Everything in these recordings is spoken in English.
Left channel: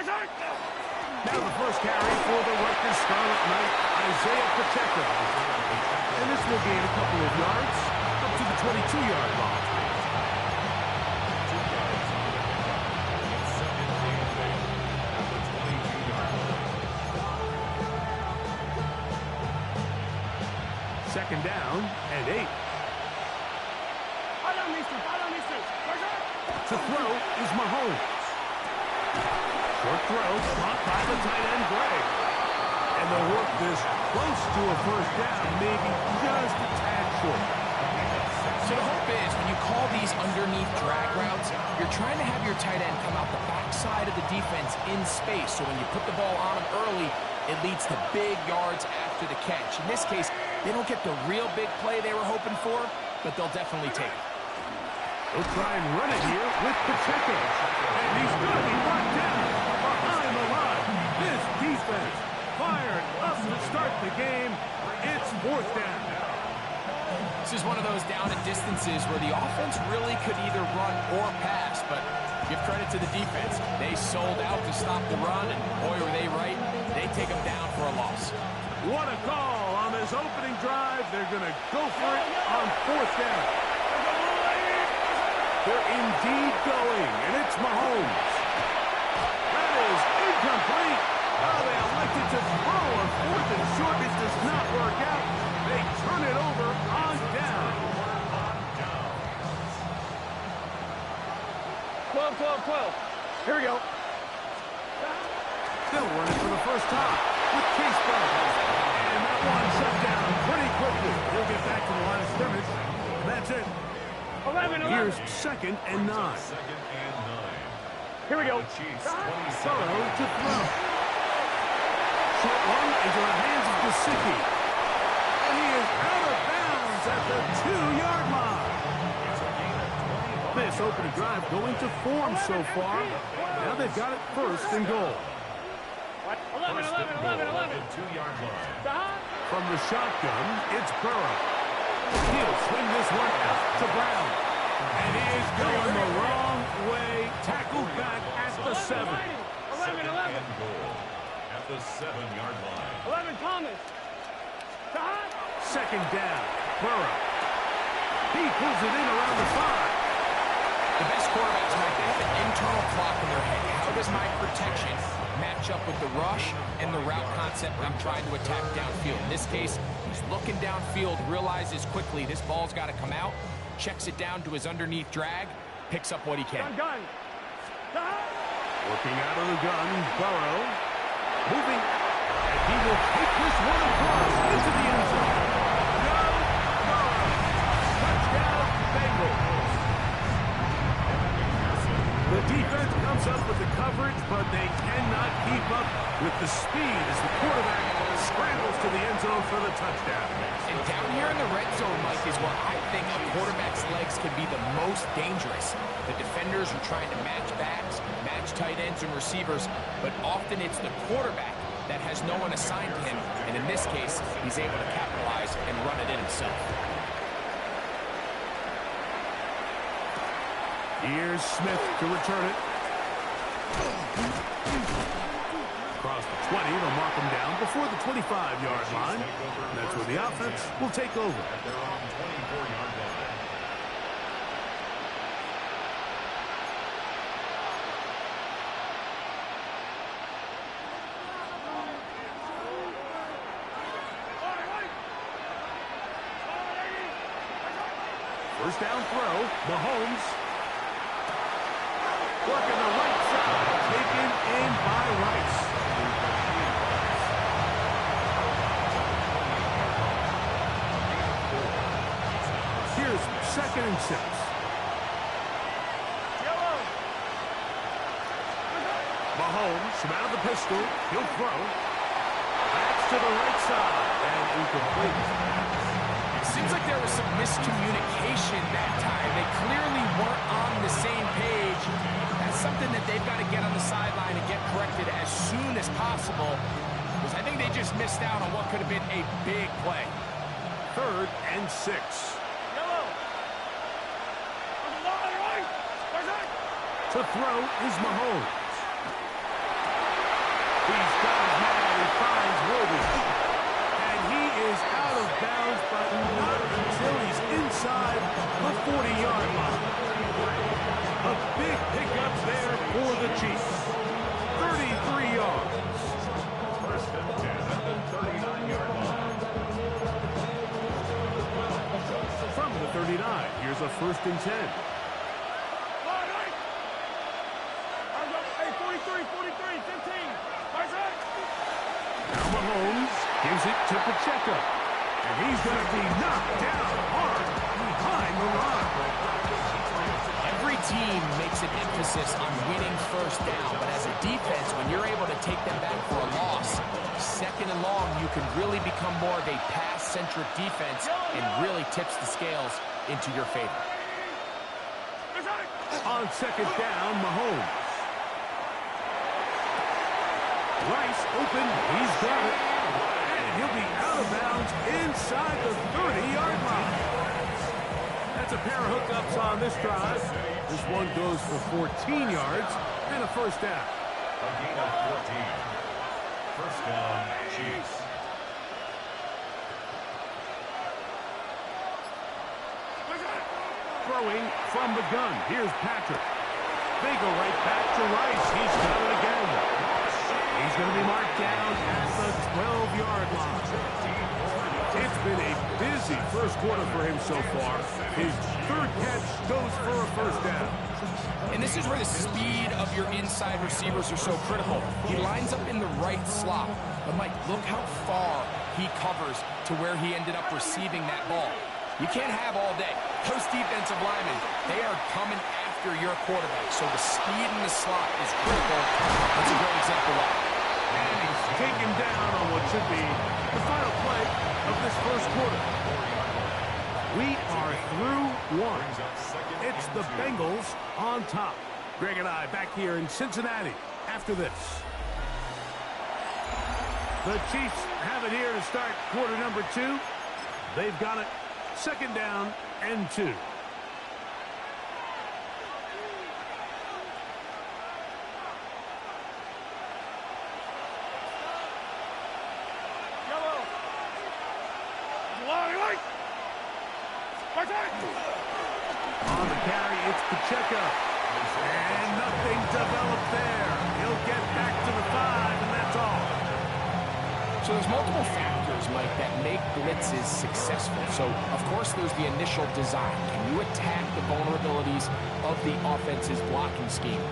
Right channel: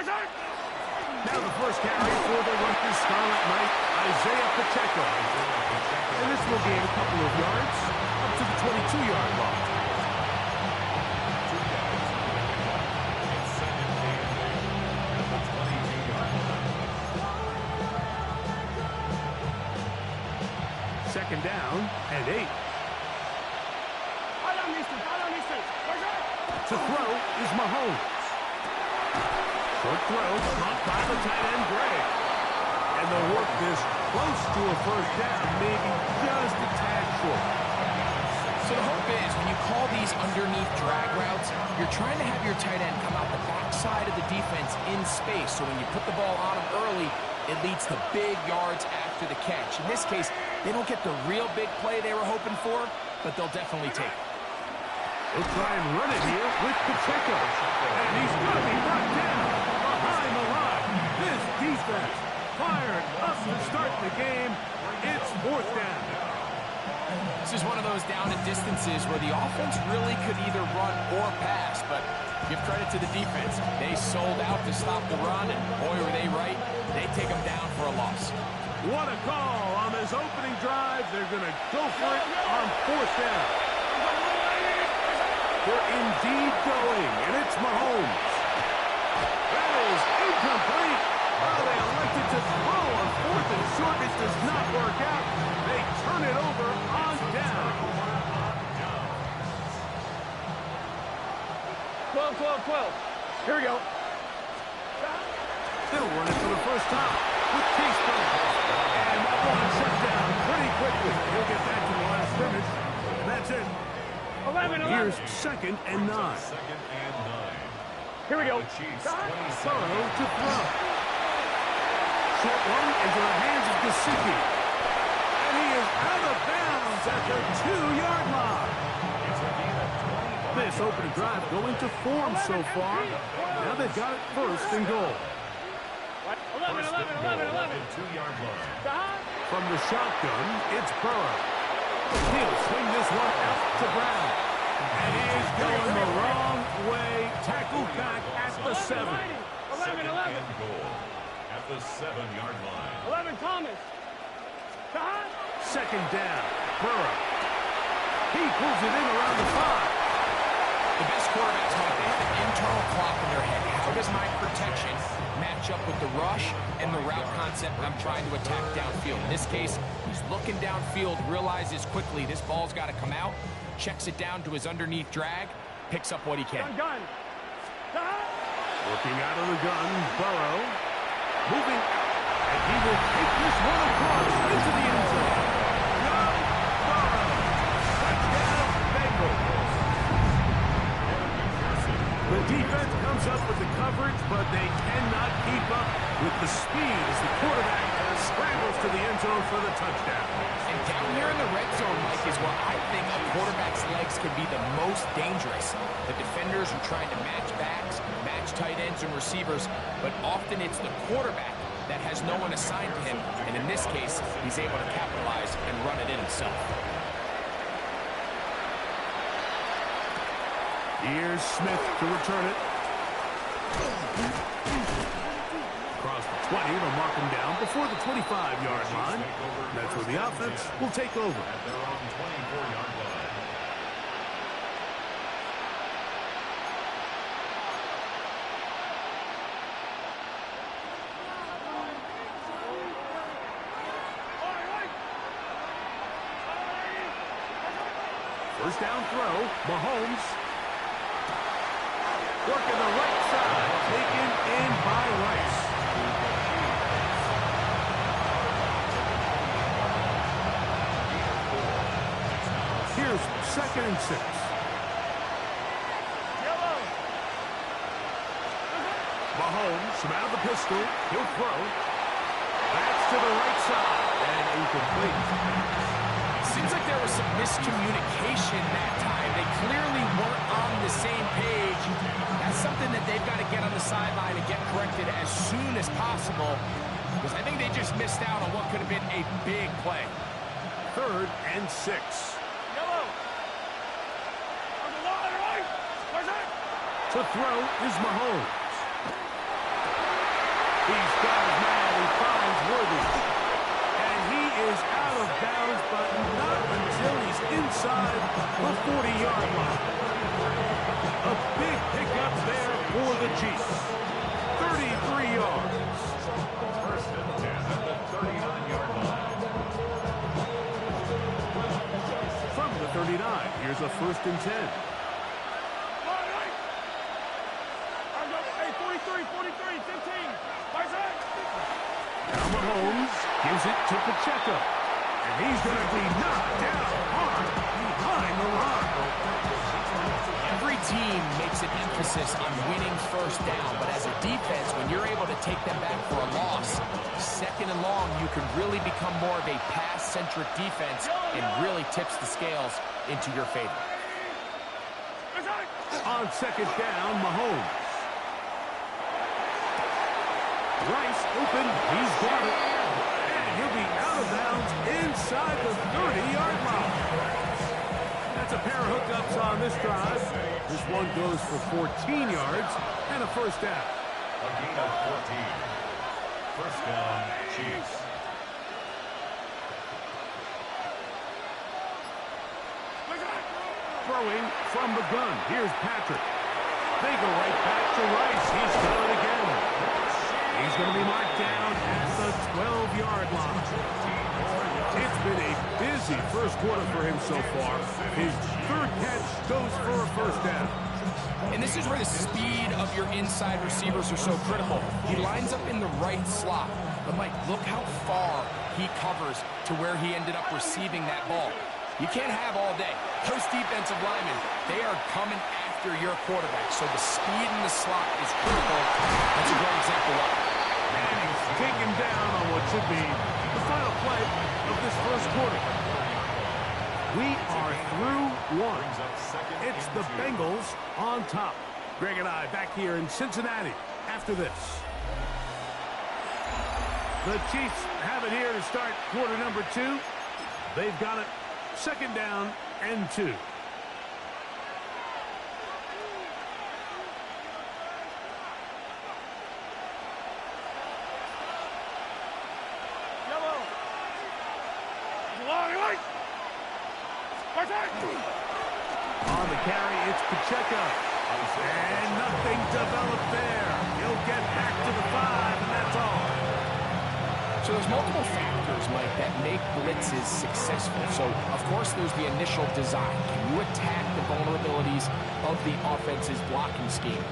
Now the first carry for the Rutgers Scarlet Knight, Isaiah Pacheco. And this will gain a couple of yards up to the 22-yard line. 2 yards on the pickup. It's second and 8 at the 22-yard line. Second down and 8. To throw is Mahomes. Short throw, caught by the tight end, Gray. And they'll work this close to a first down, maybe just a tad short. So the hope is when you call these underneath drag routes, you're trying to have your tight end come out the backside of the defense in space. So when you put the ball on him early, it leads to big yards after the catch. In this case, they don't get the real big play they were hoping for, but they'll definitely take it. They'll try and run it here with Pacheco. And he's going to be brought down behind the line. This defense fired up to start the game. It's fourth down. This is one of those down and distances where the offense really could either run or pass, but give credit to the defense. They sold out to stop the run, and boy, were they right. They take them down for a loss. What a call on this opening drive. They're going to go for it on fourth down. They're indeed going, and it's Mahomes. That is incomplete. Oh, they elected to throw on fourth and short. It does not work out. They turn it over on down. 12. Here we go. Still running for the first time with Case Brown. And that one shut down pretty quickly. He'll get back to the line of scrimmage, and that's it. 11. Here's second and 9. Second and 9. Here we go. Burrow to throw. Short one into the hands of Gesicki. And he is out of bounds at the 2-yard line. It's a gain of 20. This opening drive going to form so far. Now they've got it first and goal. 11. First and goal at the 2-yard line. From the shotgun, it's Burrow. He'll swing this one out to Brown. And he is going the wrong way. Tackled back at the 7. 11. And goal at the 7-yard line. 11, Thomas. Second down, Burrow. He pulls it in around the 5. The best quarterbacks, Mike, they have an internal clock in their head. How does my protection match up with the rush and the route concept I'm trying to attack downfield? In this case, he's looking downfield, realizes quickly this ball's got to come out, checks it down to his underneath drag, picks up what he can. Gun. Working out of the gun, Burrow. Moving out, and he will take this one across into the end zone. No, Burrow. Touchdown, Bengals. The defense comes up with the coverage, but they cannot keep up with the speed as the quarterback scrambles to the end zone for the touchdown. And down here in the red zone, Mike, is where I think a quarterback's legs can be the most dangerous. The defenders are trying to match backs, match tight ends and receivers, but often it's the quarterback that has no one assigned to him, and in this case, he's able to capitalize and run it in himself. Here's Smith to return it. Across the 20, they'll mark him down before the 25-yard line. And that's where the offense will take over. At their own 24-yard line. First down throw, Mahomes. Working the right side, taken in by Rice. Here's second and 6. Mahomes from out of the pistol. He'll throw. That's to the right side and incomplete. Seems like there was some miscommunication that time. They clearly weren't on the same page. That's something that they've got to get on the sideline and get corrected as soon as possible, because I think they just missed out on what could have been a big play. Third and 6. To throw is Mahomes. He's got his man. He finds Worthy. And he is out of bounds, but not until he's inside the 40-yard line. A big pickup there for the Chiefs. 33 yards. First and 10 at the 39-yard line. From the 39, here's a first and 10. Hey, 43, 43, 15. Now Mahomes gives it to Pacheco. And he's going to be knocked down hard behind the line. Every team makes an emphasis on winning first down, but as a defense, when you're able to take them back for a loss, second and long, you can really become more of a pass-centric defense and really tips the scales into your favor. On second down, Mahomes. Rice open. He's got it. And he'll be out of bounds inside the 30-yard line. That's a pair of hookups on this drive. This one goes for 14 yards and a first down. A gain of 14. First down, Chiefs. Throwing from the gun. Here's Patrick. They go right back to Rice. He's got it again. He's going to be marked down at the 12-yard line. It's been a busy first quarter for him so far. His third catch goes for a first down. And this is where the speed of your inside receivers are so critical. He lines up in the right slot. But, Mike, look how far he covers to where he ended up receiving that ball. You can't have all day. Those defensive linemen, they are coming after your quarterback. So the speed in the slot is critical. That's a great example why. And he's taken down on what should be the final play of this first quarter. We are through one. It's the Bengals on top. Greg and I back here in Cincinnati after this. The Chiefs have it here to start quarter number 2. They've got it. Second down and 2. Yellow. On the carry, it's Pacheco. And nothing developed there. He'll get back to the 5, and that's all. So there's multiple factors, Mike, that make blitzes successful. So, of course, there's the initial design. Can you attack the vulnerabilities of the offense's blocking scheme?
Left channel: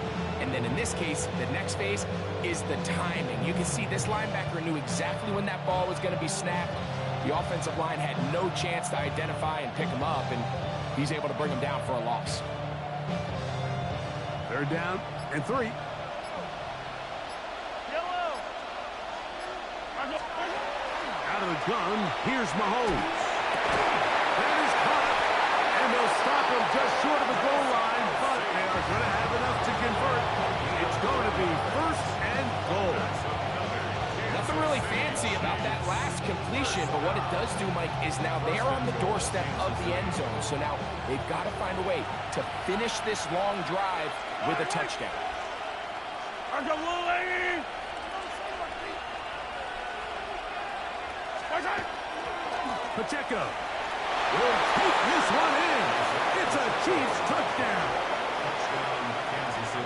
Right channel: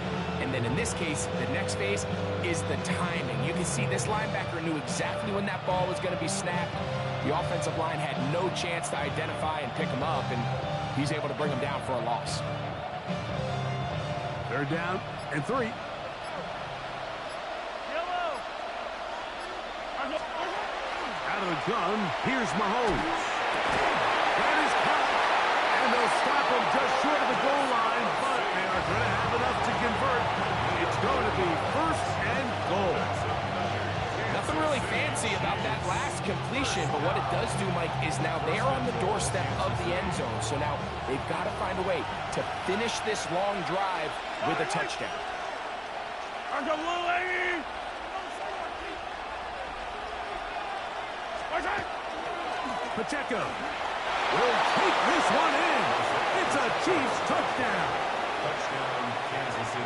And then in this case, the next phase is the timing. You can see this linebacker knew exactly when that ball was going to be snapped. The offensive line had no chance to identify and pick him up, and he's able to bring him down for a loss. Third down and 3. Out of the gun, here's Mahomes. That is caught, and they'll stop him just short of the goal line, but they are going to have enough to convert. It's going to be first and goal. Nothing really fancy about that last completion, but what it does do, Mike, is now they're on the doorstep of the end zone. So now they've got to find a way to finish this long drive with a touchdown. Pacheco will take this one in. It's a Chiefs touchdown. Touchdown, Kansas City.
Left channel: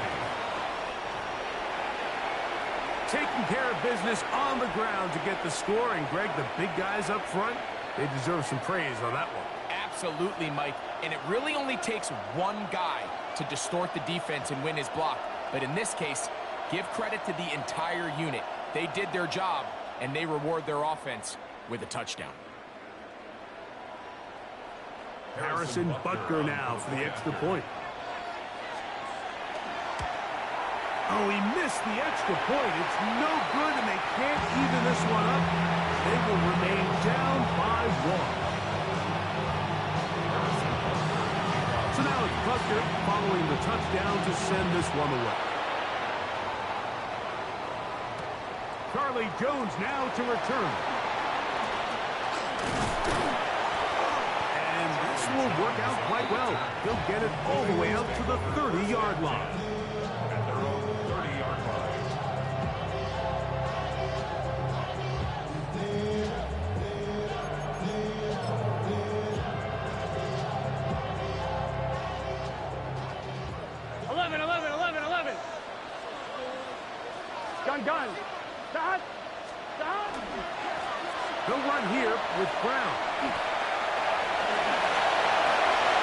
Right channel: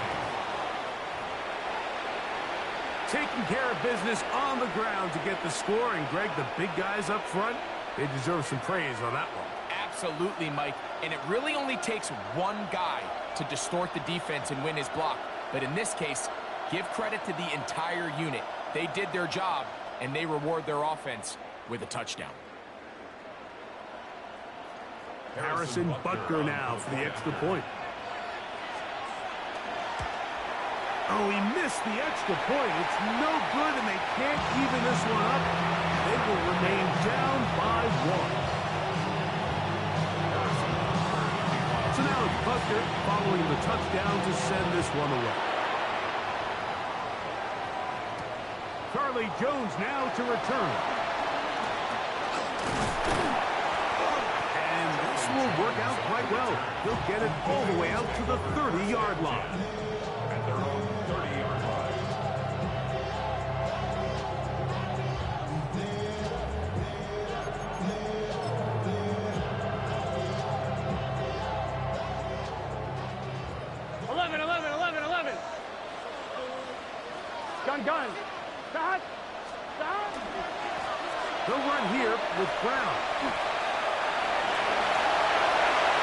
Taking care of business on the ground to get the score. And, Greg, the big guys up front, they deserve some praise on that one. Absolutely, Mike. And it really only takes one guy to distort the defense and win his block. But in this case, give credit to the entire unit. They did their job, and they reward their offense with a touchdown. Harrison Butker now for the extra point. Oh, he missed the extra point. It's no good, and they can't even this one up. They will remain down by 1. So now it's Butker following the touchdown to send this one away. Charlie Jones now to return. And this will work out quite well. He'll get it all the way out to the 30-yard line. At their own 30-yard line. gun. Stop. Stop. They'll run here with Brown.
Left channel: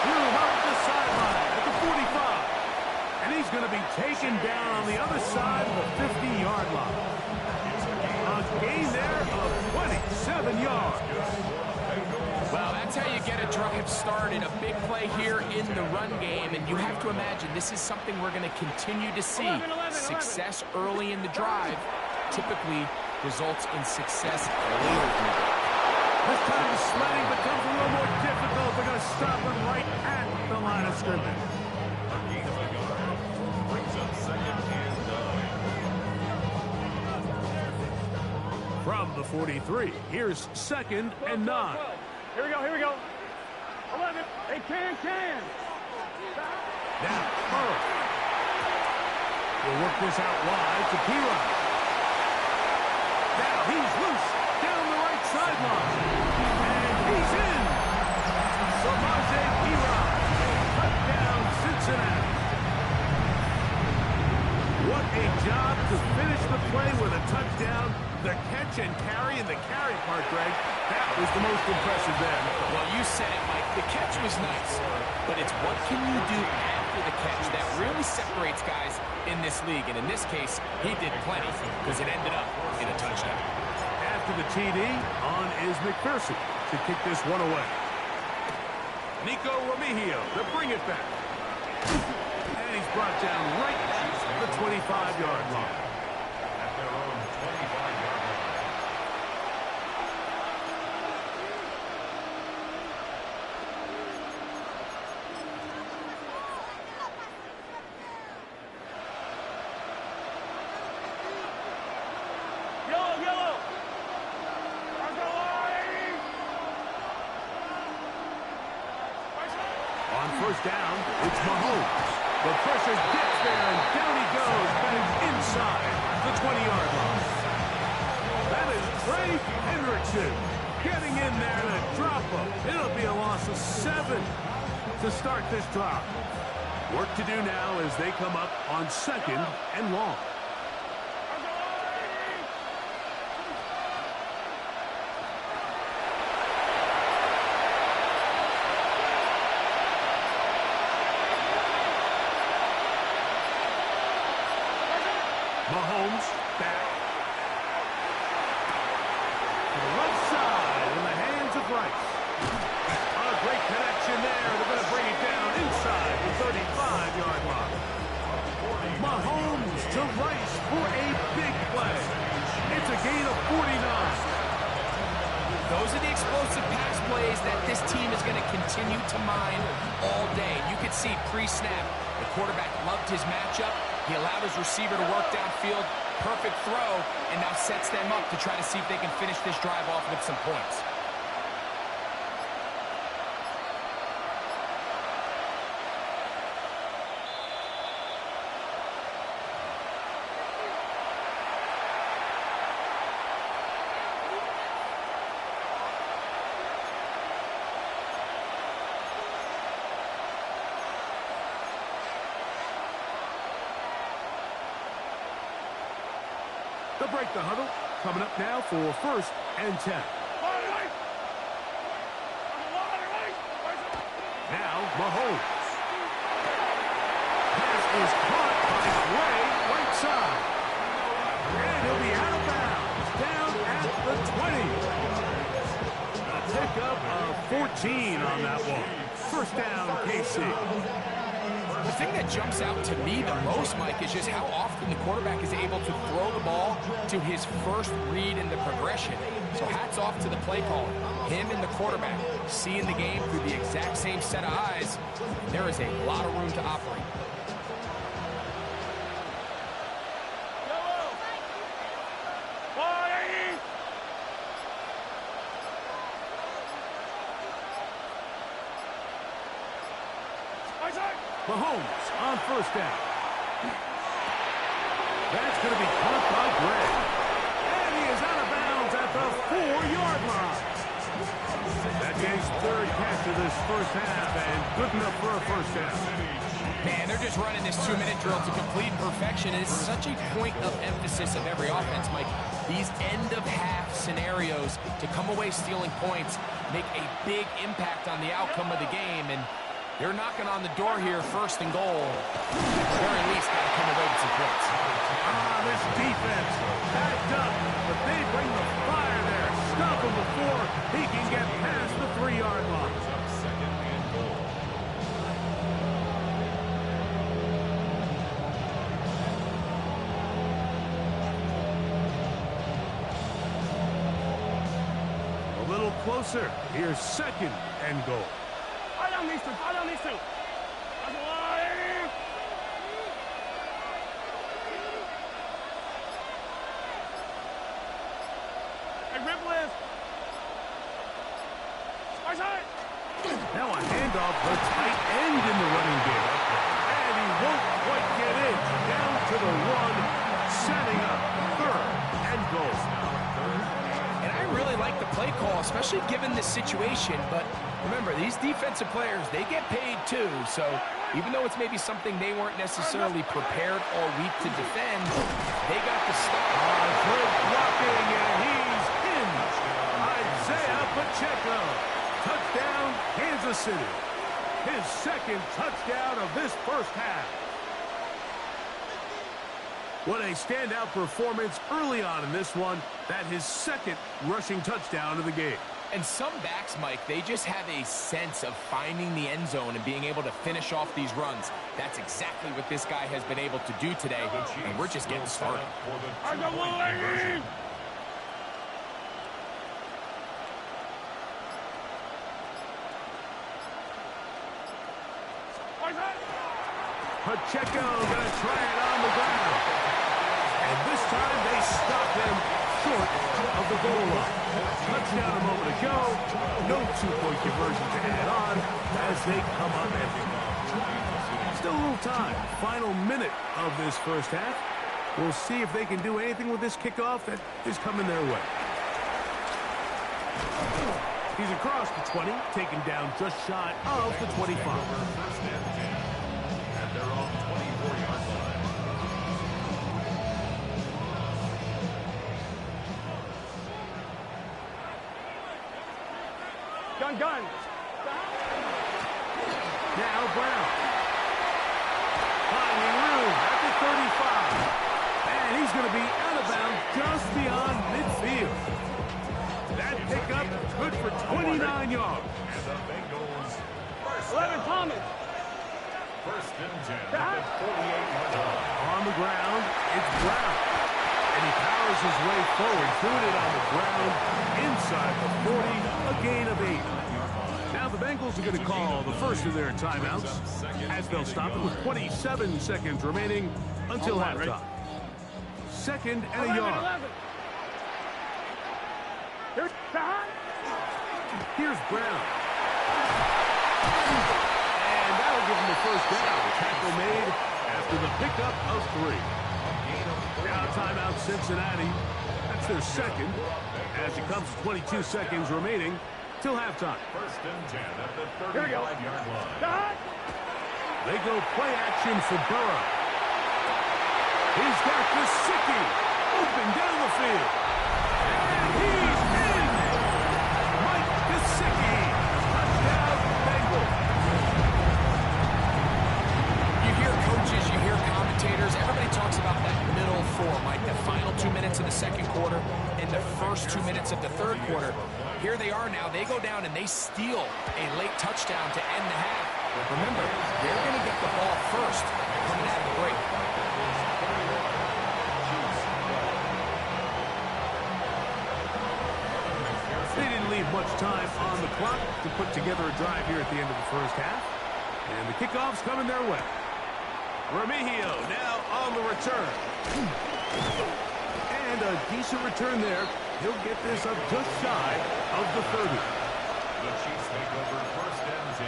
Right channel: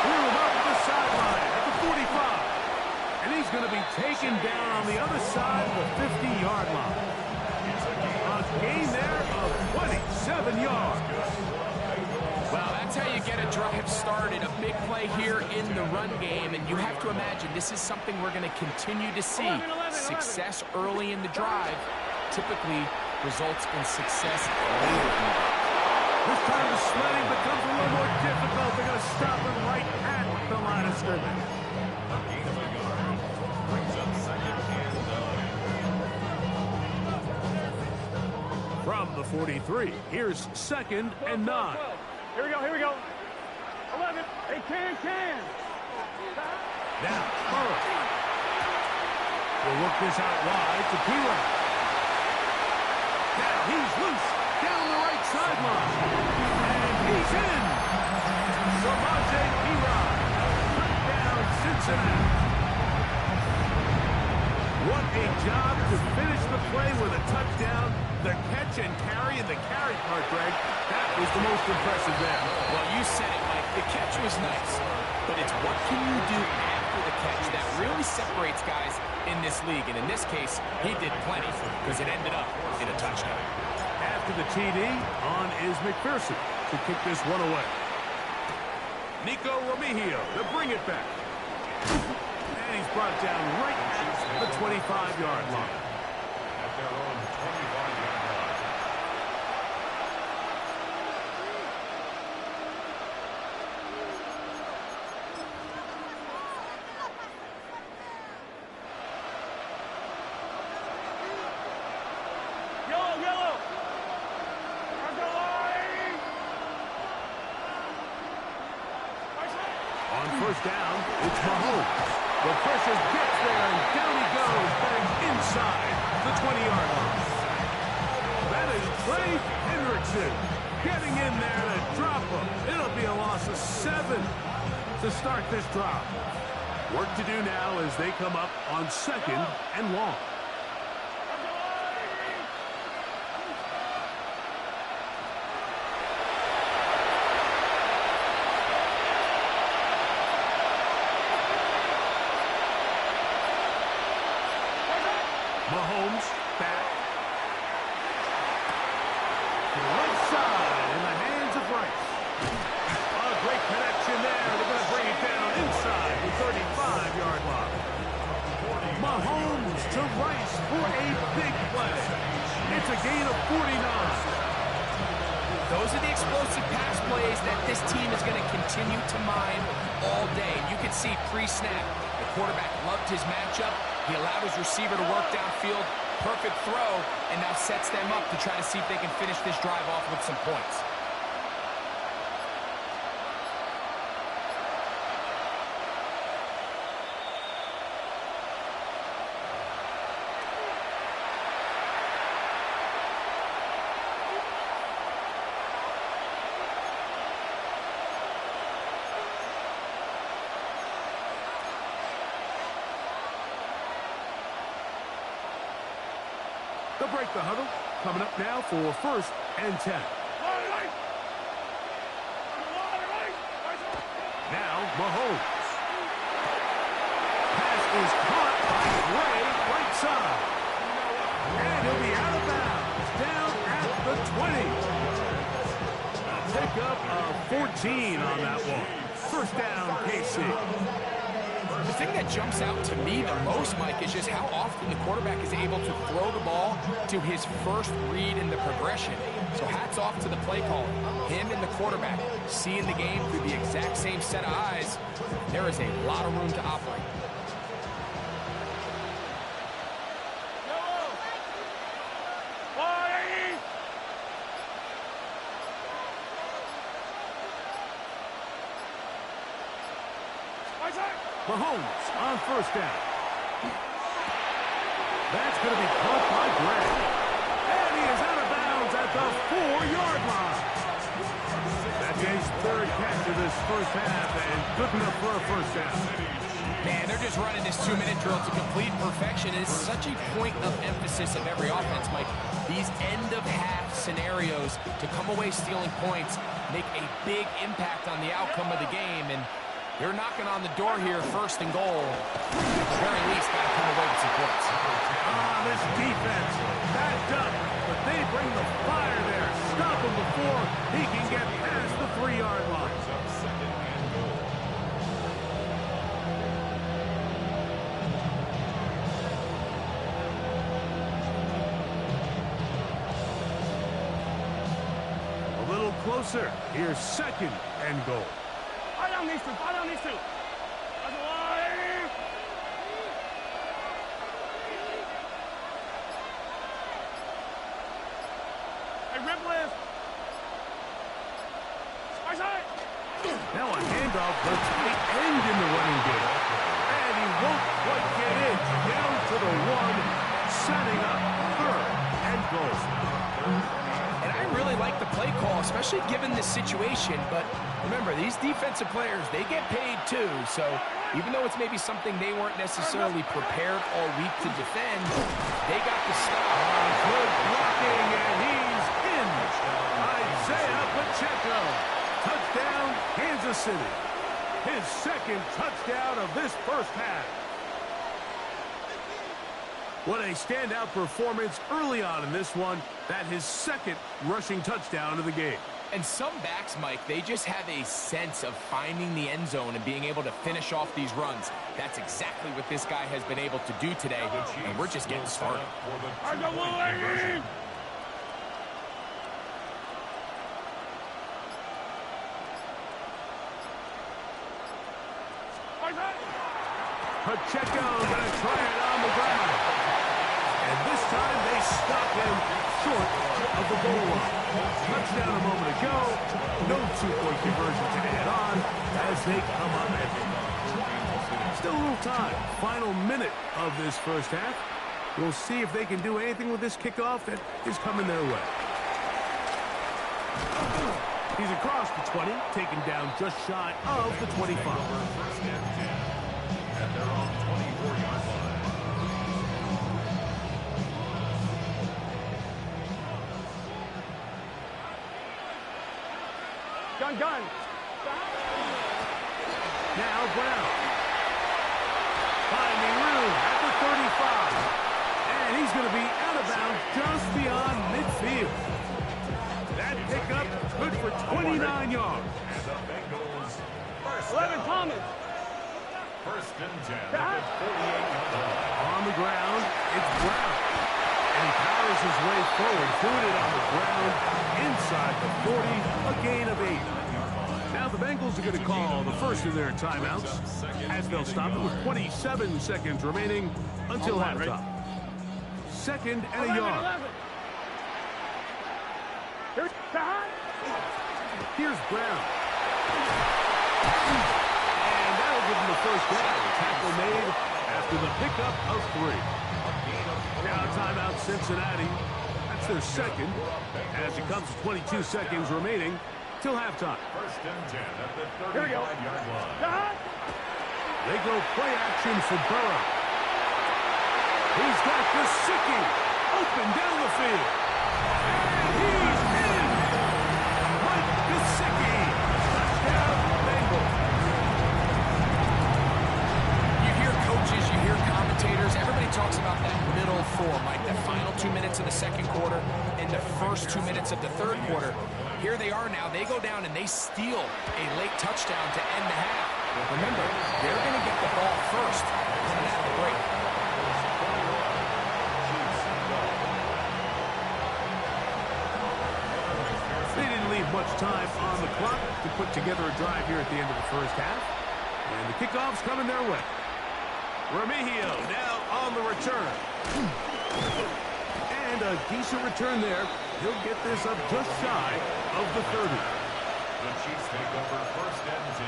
Threw him up the sideline at the 45. And he's going to be taken down on the other side of the 50-yard line. A gain there of 27 yards. Well, that's how you get a drive started. A big play here in the run game. And you have to imagine this is something we're going to continue to see. 11. Success early in the drive typically results in success later in the drive. This time the sledding becomes a little more difficult. They're going to stop him right at the line of scrimmage. A gain of a yard brings up 2nd and 9. From the 43, here's 2nd and 9. 12. Here we go, here we go. 11. Hey, can. Now, Burrow. He'll work this out wide to P-Rod. Now he's loose down the right sideline. And he's in. Samaje P-Rod. Touchdown, Cincinnati. What a job to finish the play with a touchdown. The catch and carry, and the carry part, Greg, that was the most impressive there. Well, you said it, Mike. The catch was nice, but it's what can you do after the catch that really separates guys in this league. And in this case, he did plenty because it ended up in a touchdown. After the TD, on is McPherson to kick this one away. Nico Remigio to bring it back. And he's brought down right at the 25-yard line. At their own 25-yard line. Yellow. On first down, it's Mahomes. The pressure gets there, and down he goes, back inside the 20-yard line. That is Trey Hendrickson getting in there to drop him. It'll be a loss of 7 to start this drive. Work to do now as they come up on 2nd and long. Mahomes back to the right side in the hands of Rice. A great connection there. They're going to bring it down inside the 35-yard line. Mahomes to Rice for a big play. It's a gain of 49. Those are the explosive pass plays that this team is going to continue to mine all day. And you can see pre-snap, the quarterback loved his matchup. He allowed his receiver to work downfield. Perfect throw, and now sets them up to try to see if they can finish this drive off with some points. They'll break the huddle. Coming up now for 1st and 10. Now Mahomes. Pass is caught by Gray, right side. And he'll be out of bounds, down at the 20. A pickup of 14 on that one. First down, KC. The thing that jumps out to me the most, Mike, is just how often the quarterback is able to throw the ball to his first read in the progression. So hats off to the play caller. Him and the quarterback seeing the game through the exact same set of eyes. There is a lot of room to operate. Mahomes on first down. That's going to be caught by Gray. And he is out of bounds at the 4-yard line. That His third catch of this first half, and good enough for a first down. Man, they're just running this 2-minute drill to complete perfection. It's such a point of emphasis of every offense, Mike. These end-of-half scenarios to come away stealing points make a big impact on the outcome of the game, and they're knocking on the door here, first and goal. At the very least, got to come away with some points. This defense backed up, but they bring the fire there. Stop him before he can get past the 3-yard line. Up second and goal. A little closer. Here's second and goal. Fire down these two. Fire down these two. That's a line. Hey, rip list. Right side. Now a handoff, the tight end in the running game. And he won't quite get in. Down to the 1, setting up third and goal. And I really like the play call, especially given this situation. But remember, these defensive players, they get paid too. So even though it's maybe something they weren't necessarily prepared all week to defend, they got the stop. Good blocking, and he's in. Isaiah Pacheco. Touchdown, Kansas City. His second touchdown of this first half. What a standout performance early on in this one. That his second rushing touchdown of the game. And some backs, Mike, they just have a sense of finding the end zone and being able to finish off these runs. That's exactly what this guy has been able to do today, and we're just getting started. I got one. Pacheco going to try it on the ground. And this time they stop him short of the goal line. Touchdown a moment ago. No 2-point conversion to add on as they come up empty. Still a little time. Final minute of this first half. We'll see if they can do anything with this kickoff that is coming their way. He's across the 20, taken down just shy of the 25. First and 10 at their own 24-yard line. Gun. Now Brown. Finding room at the 35. And he's going to be out of bounds just beyond midfield. That pickup good for 29 yards. And the Bengals first 11, down. Thomas. First and 10 at the 48-yard line. On the ground, it's Brown. And he powers his way forward, doing it on the ground, inside the 40, a gain of 8. Now the Bengals are going to call the first of their timeouts, as they'll stop it with 27 seconds remaining until halftime. Second and a yard. Here's Brown. And that'll give him the first down. Tackle made after the pickup of 3. Now timeout Cincinnati. That's their second as it comes to 22 seconds remaining till halftime. First and 10 at the 35-yard line. They go play action for Burrow. He's got Gesicki open down the field. And he's in! Mike Gesicki. Touchdown, Bengals. You hear coaches, you hear commentators, everybody talks about that middle 4, Mike, the final 2 minutes of the second quarter and the first 2 minutes of the third quarter. Here they are now. They go down and they steal a late touchdown to end the half. Remember, they're going to get the ball first coming out of the break. They didn't leave much time on the clock to put together a drive here at the end of the first half. And the kickoff's coming their way. Remigio now on the return. And a decent return there. He'll get this up just shy of the 30. The Chiefs take over first and 10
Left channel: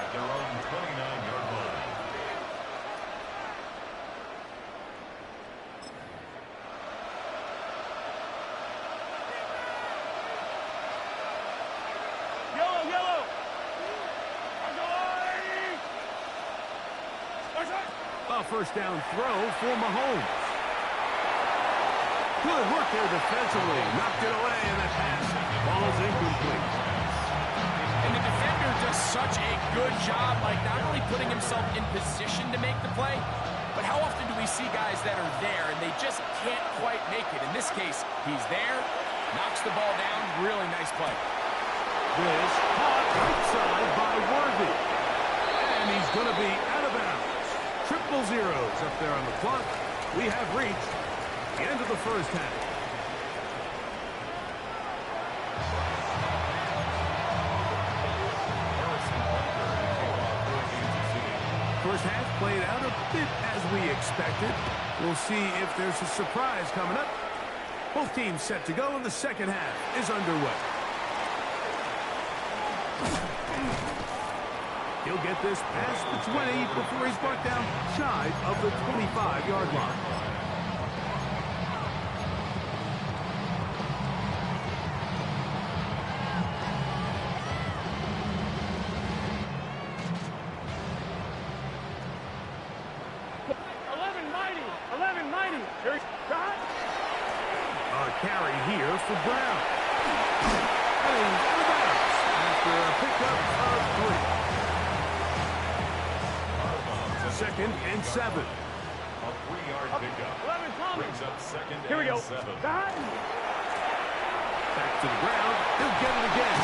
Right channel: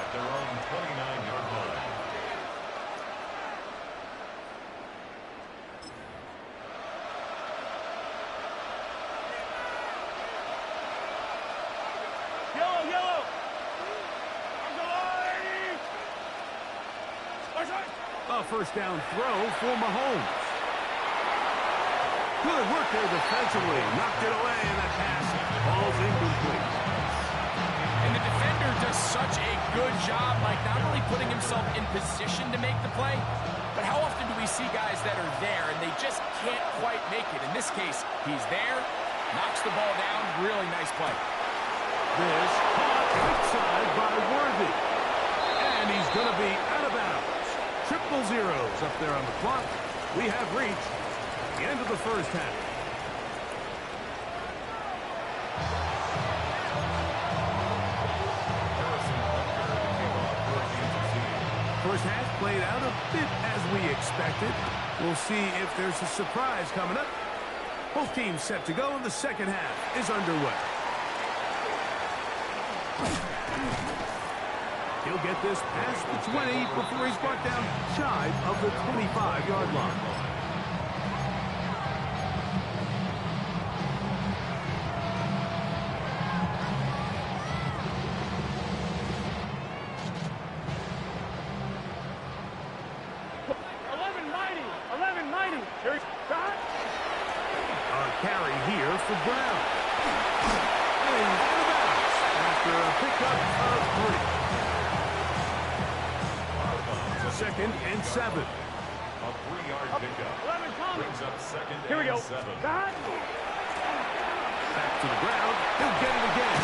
at their own 29-yard line. A first down throw for Mahomes. Good work there defensively. Knocked it away, and that pass falls incomplete. And the defender does such a good job, like not only putting himself in position to make the play, but how often do we see guys that are there and they just can't quite make it? In this case, he's there, knocks the ball down. Really nice play. This caught right side by Worthy. And he's going to be out of bounds. Triple zeros up there on the clock. We have reached the end of the first half. First half played out a bit as we expected. We'll see if there's a surprise coming up. Both teams set to go, and the second half is underway. He'll get this past the 20 before he's brought down shy of the 25-yard line. A carry here for Brown. And he's out of bounds after a pickup of 3. Second and 7. A 3-yard pickup. Brings up second Here we go. and 7. Back to the ground. He'll get it again.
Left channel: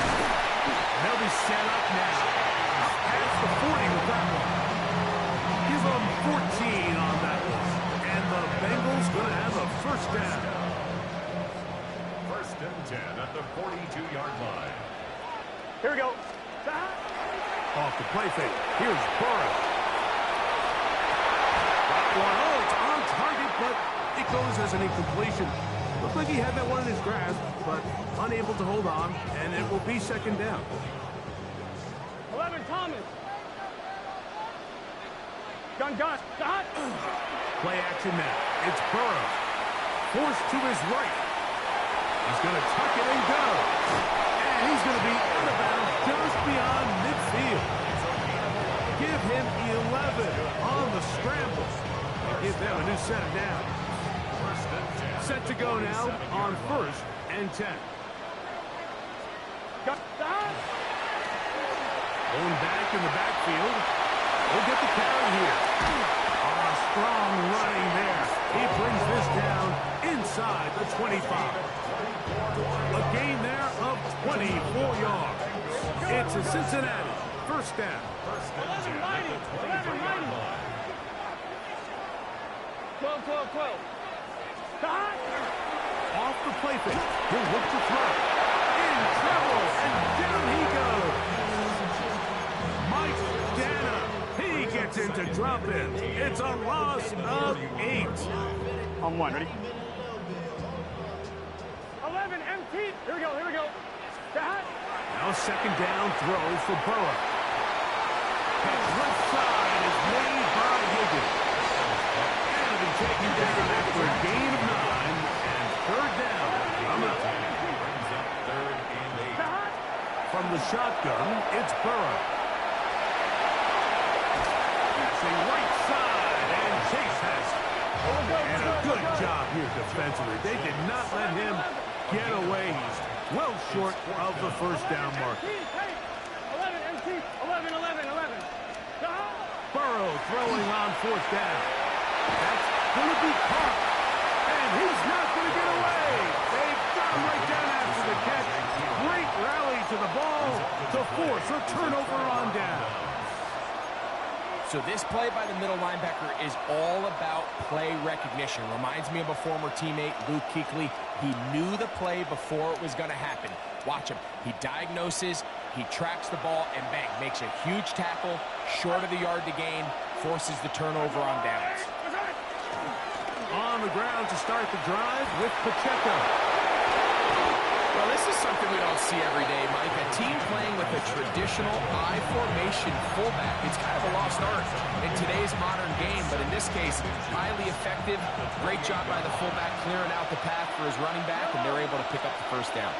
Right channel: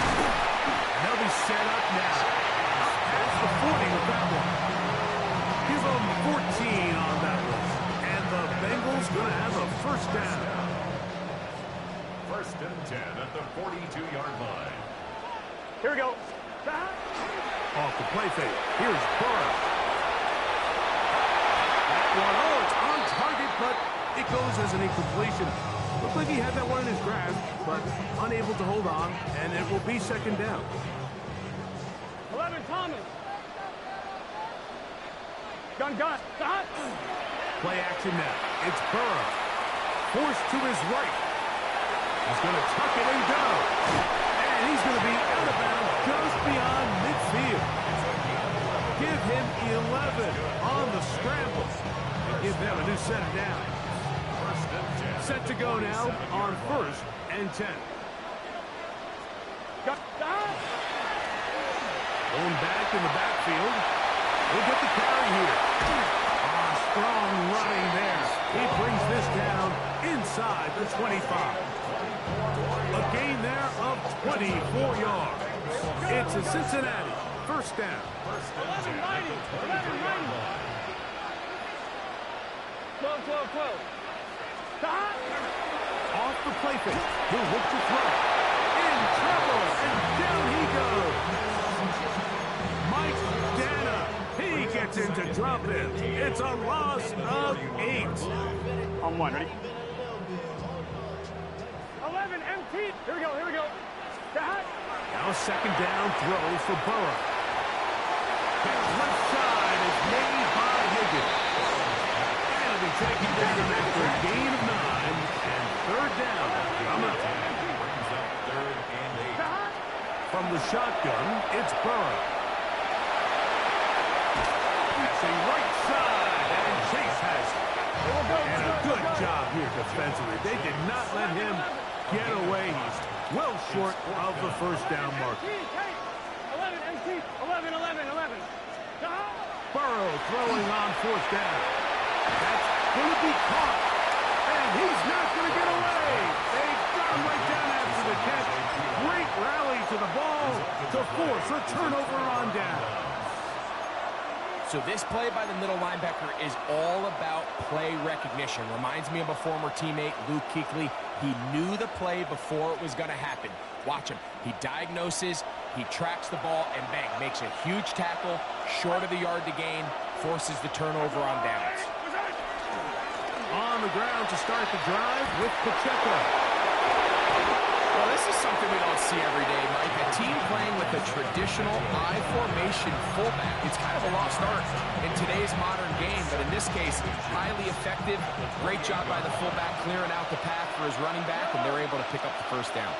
And they'll be set up now. Up past the 40 with that one. Give them 14 on that one. And the Bengals going to have a first down. First and 10 at the 42-yard line. Here we go. Off the play fake. Here's Burrow. That one, oh, it's on target, but it goes as an incompletion. Looked like he had that one in his grasp, but unable to hold on, and it will be second down. 11, Thomas. Gun. Play action now. It's Burrow. Forced to his right. He's going to tuck it and go. And he's going to be out of bounds just beyond midfield. Give him 11 on the scramble. And give them a new set of downs. Set to go now on first and 10. Going back in the backfield. He'll get the carry here. Strong running there. He brings this down inside the 25. A gain there of 24 yards. It's a Cincinnati first down. 11-90. 12. Off the play fake. He'll look to throw. In trouble, and down he goes. Mike Dana. He gets into drop in. It's a loss of 8. On one, ready? 11, empty. Here we go. Now second down throw for Burrow. Catch left side is made by Higgins. And it'll be taken down after a gain of 9. And third down. Coming up. Brings up third and 8. From the shotgun, it's Burrow. Passing right side, and Chase has it. And a good job here defensively. They did not let him get away. He's well short of the first down marker. 11, empty. 11. Burrow throwing on fourth down. That's going to be caught. And he's not going to get away. They got him right down after the catch. Great rally to the ball to force a turnover on down. So this play by the middle linebacker is all about play recognition. Reminds me of a former teammate, Luke Kuechly. He knew the play before it was going to happen. Watch him. He diagnoses, he tracks the ball, and bang, makes a huge tackle, short of the yard to gain, forces the turnover on downs. On the ground to start the drive with Pacheco. Well, this is something we don't see every day, Mike. A team playing with a traditional I formation fullback. It's kind of a lost art in today's modern game, but in this case, highly effective. Great job by the fullback clearing out the path for his running back, and they're able to pick up the first down.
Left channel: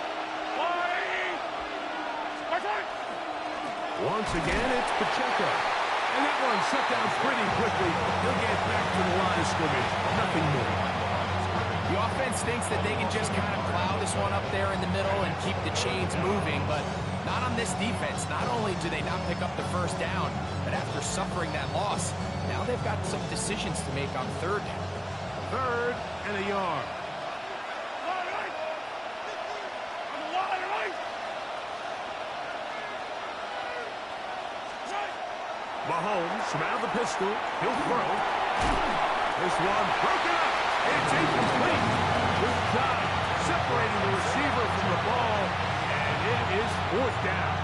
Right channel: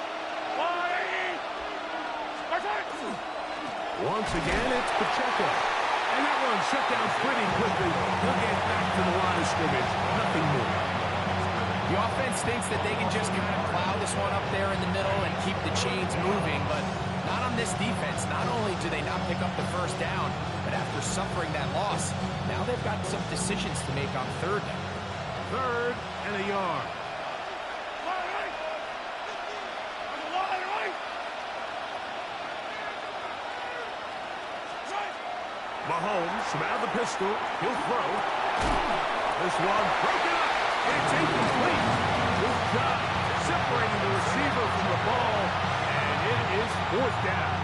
Once again, it's Pacheco. And that one shut down pretty quickly. He'll get back to the line of scrimmage. Nothing more. The offense thinks that they can just kind of plow this one up there in the middle and keep the chains moving, but not on this defense. Not only do they not pick up the first down, but after suffering that loss, now they've got some decisions to make on third down. 3rd and a yard. Mahomes from out of the pistol. He'll throw. This one broken up. It's incomplete. Good job separating the receiver from the ball, and it is 4th down.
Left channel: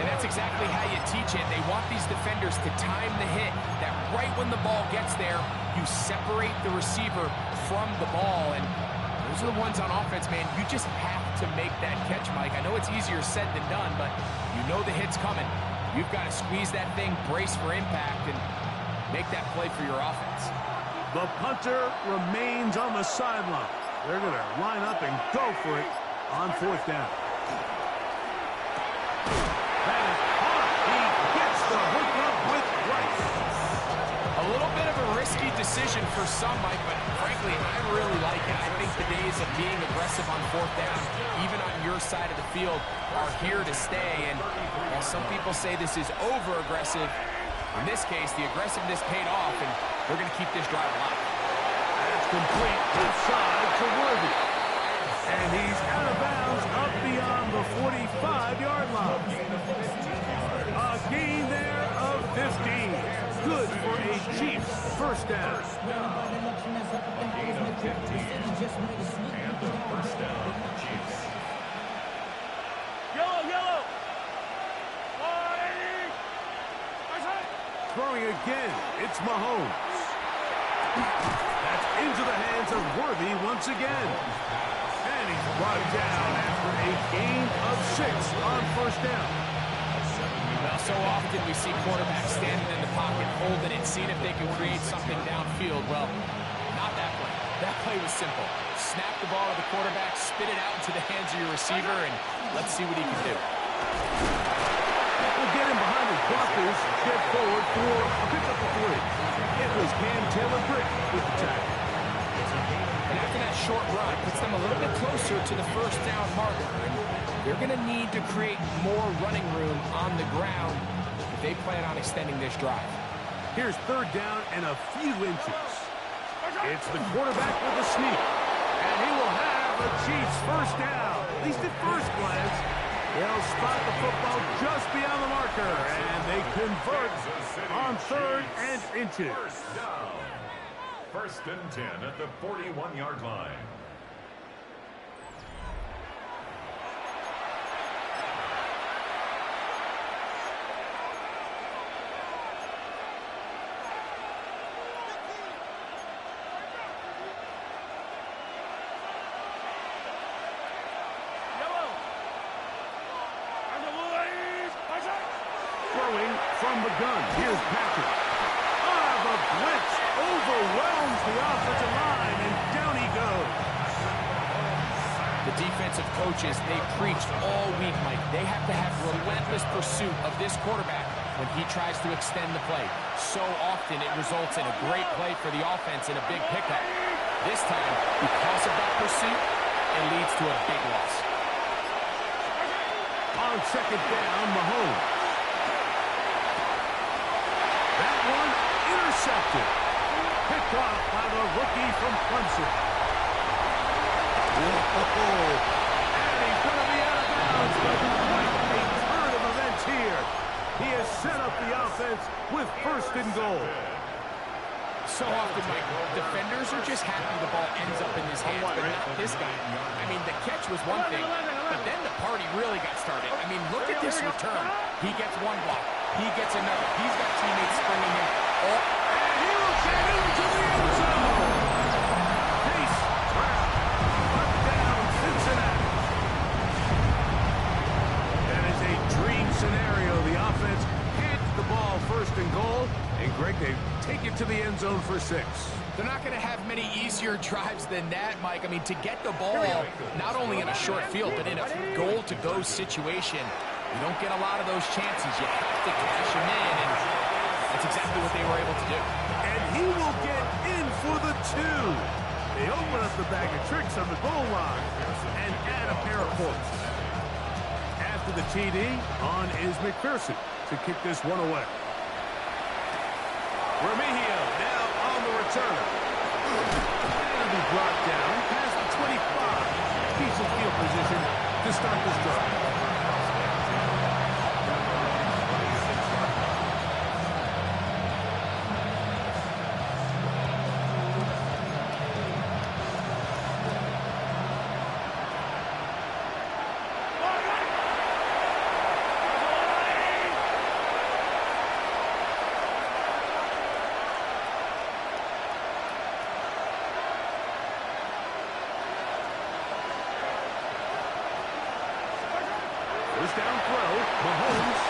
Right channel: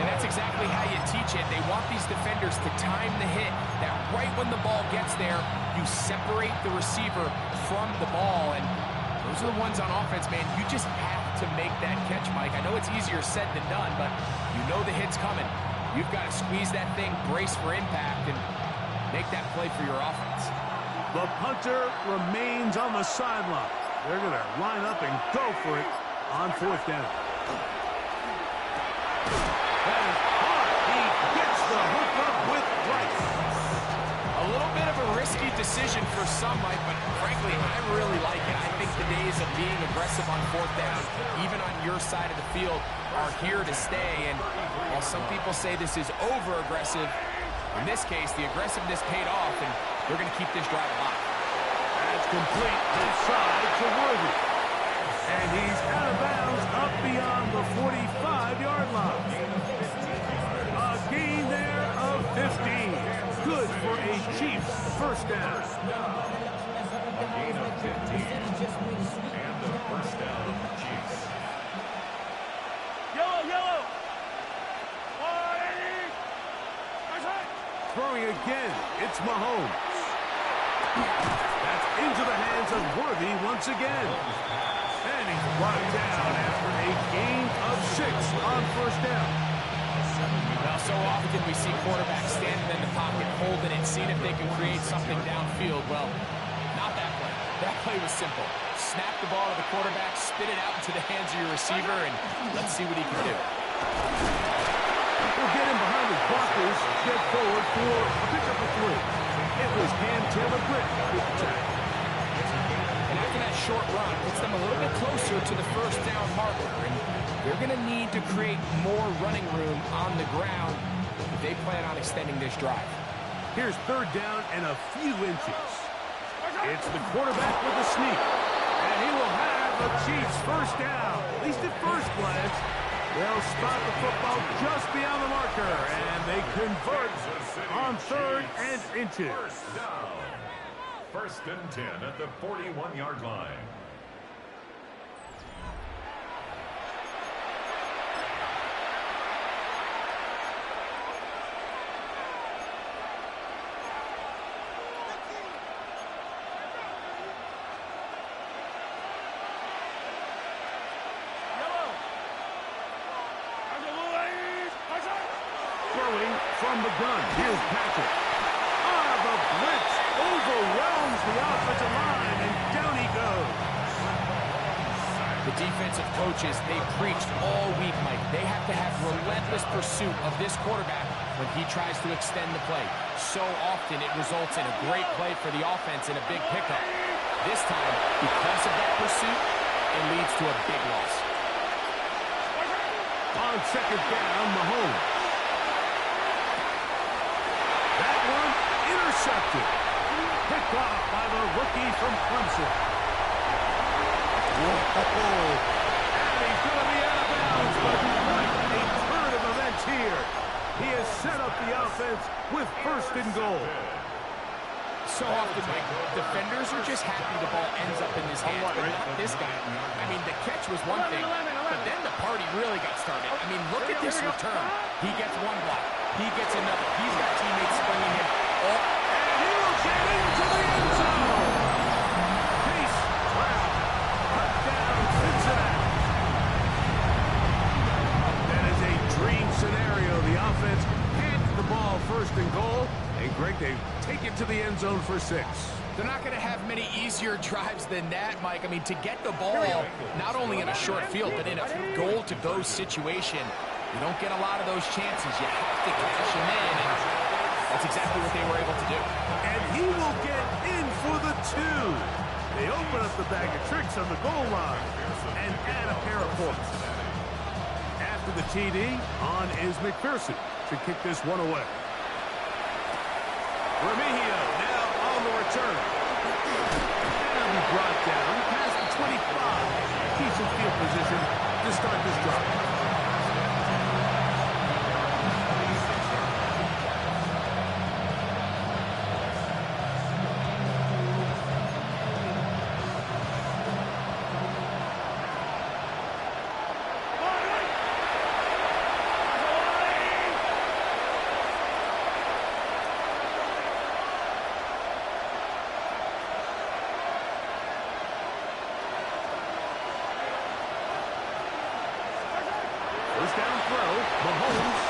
And that's exactly how you teach it. They want these defenders to time the hit, that right when the ball gets there, you separate the receiver from the ball. And those are the ones on offense, man. You just have to make that catch, Mike. I know it's easier said than done, but you know the hit's coming. You've got to squeeze that thing, brace for impact, and make that play for your offense. The punter remains on the sideline. They're going to line up and go for it on 4th down. That is hard. He gets the hook up with Rice. A little bit of a risky decision for some, Mike, but frankly, I really like it. I think the days of being aggressive on 4th down, even on your side of the field, are here to stay. And while some people say this is over-aggressive, in this case, the aggressiveness paid off, and they're going to keep this drive alive. That's complete left side to Worthy. And he's out of bounds up beyond the 45-yard line. A gain there of 15. Good for a Chiefs first down. A gain of 15. And the first down, Chiefs. Yellow. Throwing again, it's Mahomes. That's into the hands of Worthy once again. And he's brought down after a gain of 6 on first down. Well, so often we see quarterbacks standing in the pocket, holding it, seeing if they can create something downfield. Well, not that play. That play was simple. Snap the ball to the quarterback, spit it out into the hands of your receiver, and let's see what he can do. We'll get him behind his blockers, get forward for a pickup of 3. It was Cam Taylor-Britt with the tackle. And after that short run, puts them a little bit closer to the first down marker. And they're going to need to create more running room on the ground if they plan on extending this drive. Here's 3rd down and a few inches. It's the quarterback with the sneak. And he will have the Chiefs first down. At least at first glance. They'll spot the football just beyond the marker. And they convert on 3rd and inches. First down. 1st and 10 at the 41-yard line. Throwing from the gun. Here's Patrick. The blitz overwhelms the offensive line, and down he goes. The defensive coaches, they preached all week, Mike. They have to have relentless pursuit of this quarterback when he tries to extend the play. So often it results in a great play for the offense and a big pickup. This time, because of that pursuit, it leads to a big loss. On 2nd down, Mahomes. That one intercepted. Picked off by the rookie from Clemson. Whoa. And he's going to be out of bounds, but quite a turn of events here. He has set up the offense with 1st and goal. So often, Mike, defenders are just happy the ball ends up in his hands, but not this guy. I mean, the catch was one thing, but then the party really got started. I mean, look at this return. He gets one block. He gets another. He's got teammates springing him. And he will get into the end zone. Chase Brown, touchdown Cincinnati. That is a dream scenario. The offense handed the ball 1st and goal. And, Greg, they take it to the end zone for 6. They're not going to have many easier drives than that, Mike. I mean, to get the ball not only in a short field, but in a goal-to-go situation, You don't get a lot of those chances. You have to cash them in, and that's exactly what they were able to do. And he will get in for the 2. They open up the bag of tricks on the goal line and add a pair of points. After the TD, on is McPherson to kick this one away. Remigio now on the return. And he'll be brought down past the 25. Decent field position to start this drive. First down throw, Mahomes.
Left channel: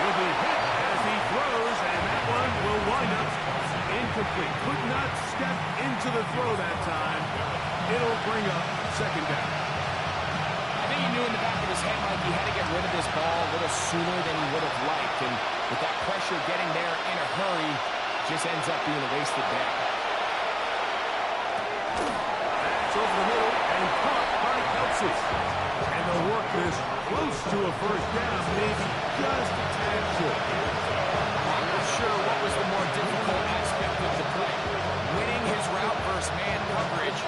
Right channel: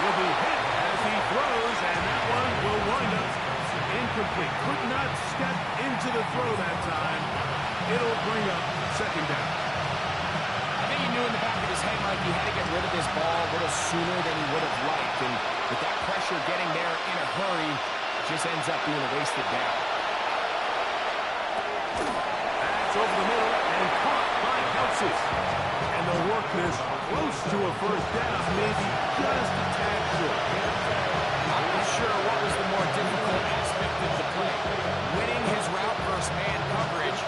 He'll be hit as he throws, and that one will wind up incomplete. Could not step into the throw that time. It'll bring up second down. I think he knew in the back of his head, Mike, he had to get rid of this ball a little sooner than he would have liked. And with that pressure getting there in a hurry, just ends up being a wasted down. That's over the middle and caught by Kelsey. And they'll work this close to a first down, maybe just a tad short. I'm not sure what was the more difficult aspect of the play. Winning his route versus man coverage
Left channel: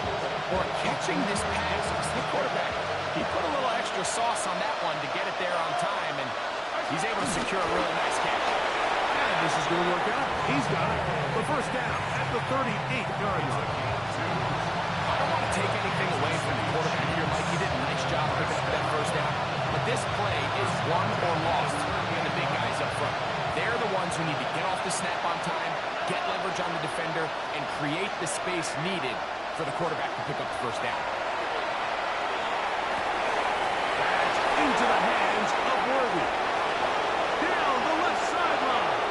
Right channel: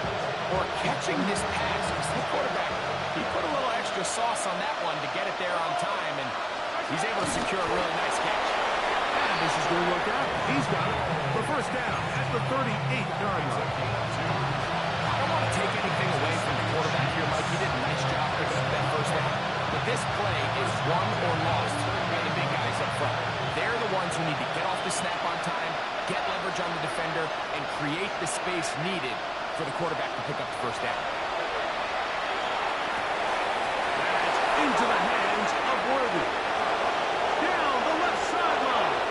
or catching this pass. Because the quarterback, he put a little extra sauce on that one to get it there on time, and he's able to secure a really nice catch. And this is going to work out. He's got it. The first down at the 38-yard line. I don't want to take anything away from the quarterback here, Mike. He did a nice job picking up that first down. But this play is won or lost by the big guys up front. They're the ones who need to get off the snap on time, get leverage on the defender, and create the space needed for the quarterback to pick up the first down. That's into the hands of Worthy. Down the left sideline.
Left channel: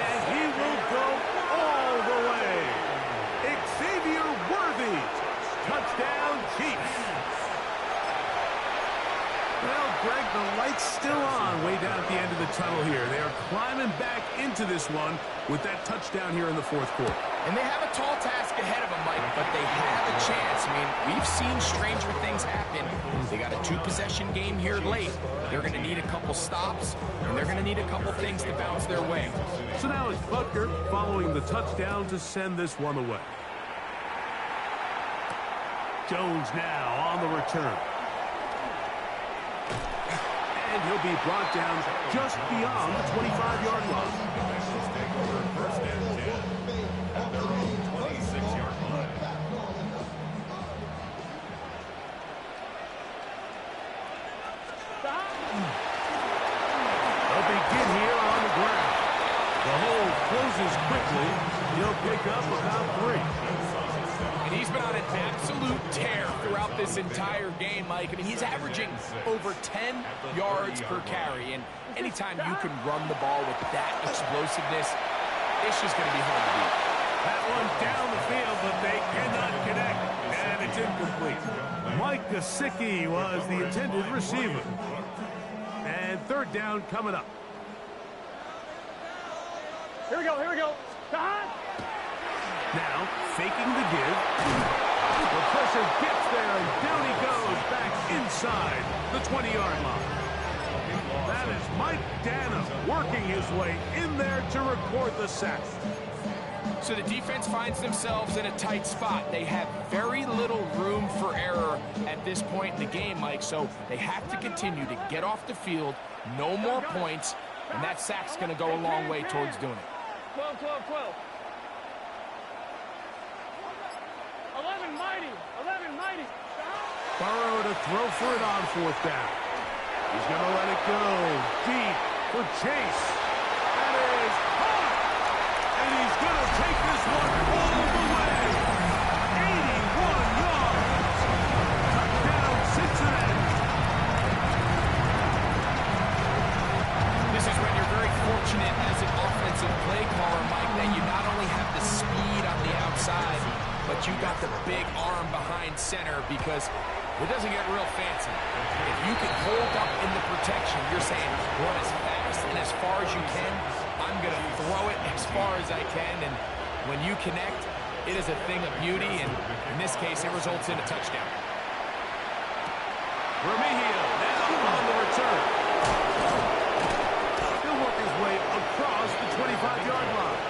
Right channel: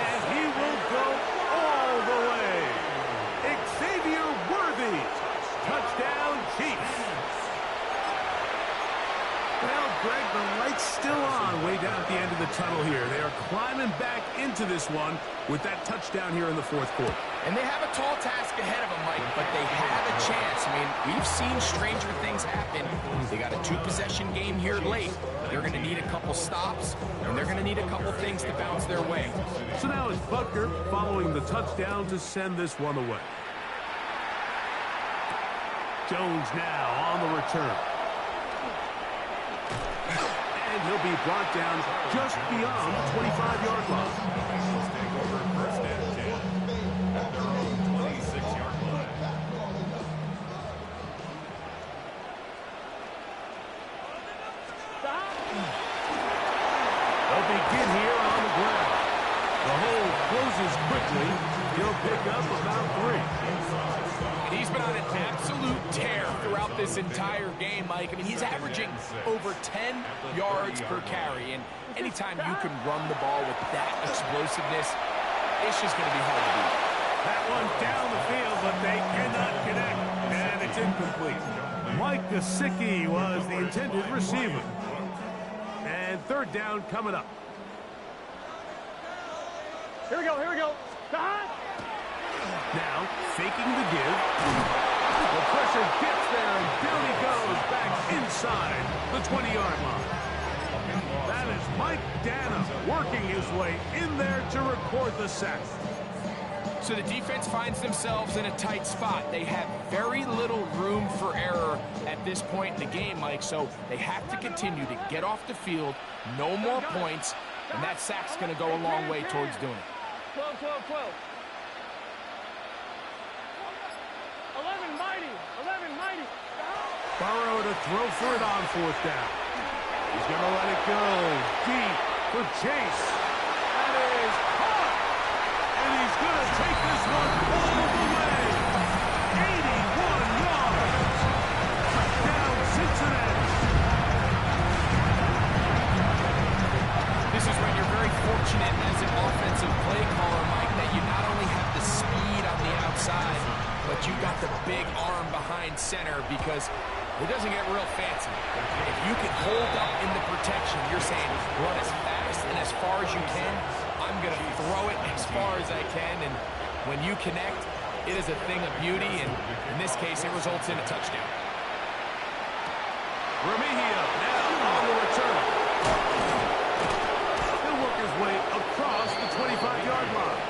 And he will go all the way. Xavier Worthy. Touchdown, Chiefs. Well, Greg, the light's still on way down at the end of the tunnel here. They are climbing back into this one with that touchdown here in the fourth quarter. And they have a tall task ahead of them, Mike, but they have a chance. I mean, we've seen stranger things happen. They got a 2-possession game here late. They're going to need a couple stops, and they're going to need a couple things to bounce their way. So now it's Butker following the touchdown to send this one away. Jones now on the return. And he'll be brought down just beyond the 25-yard line. The Bengals take over first and 10 at their own 26-yard line. They'll begin here on the ground. The hole closes quickly. He'll pick up about 3. And he's been on an absolute tear throughout this entire game, Mike. I mean, he's averaging over 10 yards per carry. And anytime you can run the ball with that explosiveness, it's just going to be hard to beat. That one down the field, but they cannot connect. And it's incomplete. Mike Gesicki was the intended receiver. And third down coming up. Here we go, here we go. Now, faking the give. The pressure gets there, and down he goes back inside the 20-yard line. That is Mike Dana working his way in there to record the sack. So the defense finds themselves in a tight spot. They have very little room for error at this point in the game, Mike, so they have to continue to get off the field, no more points, and that sack's going to go a long way towards doing it. 12, 12, 12. 11 mighty, 11 mighty. Burrow to throw for it on fourth down. He's going to let it go deep for Chase. That is hot. And he's going to take this one all the way. 81 yards. Touchdown, Cincinnati. This is when you're very fortunate as an offensive play caller, Mike, that you not only have the speed on the outside, but you got the big arm behind center, because It doesn't get real fancy. If you can hold up in the protection, you're saying run as fast and as far as you can. I'm going to throw it as far as I can, and when you connect, it is a thing of beauty, and in this case, it results in a touchdown. Remigio now on the return. He'll work his way across the 25-yard line.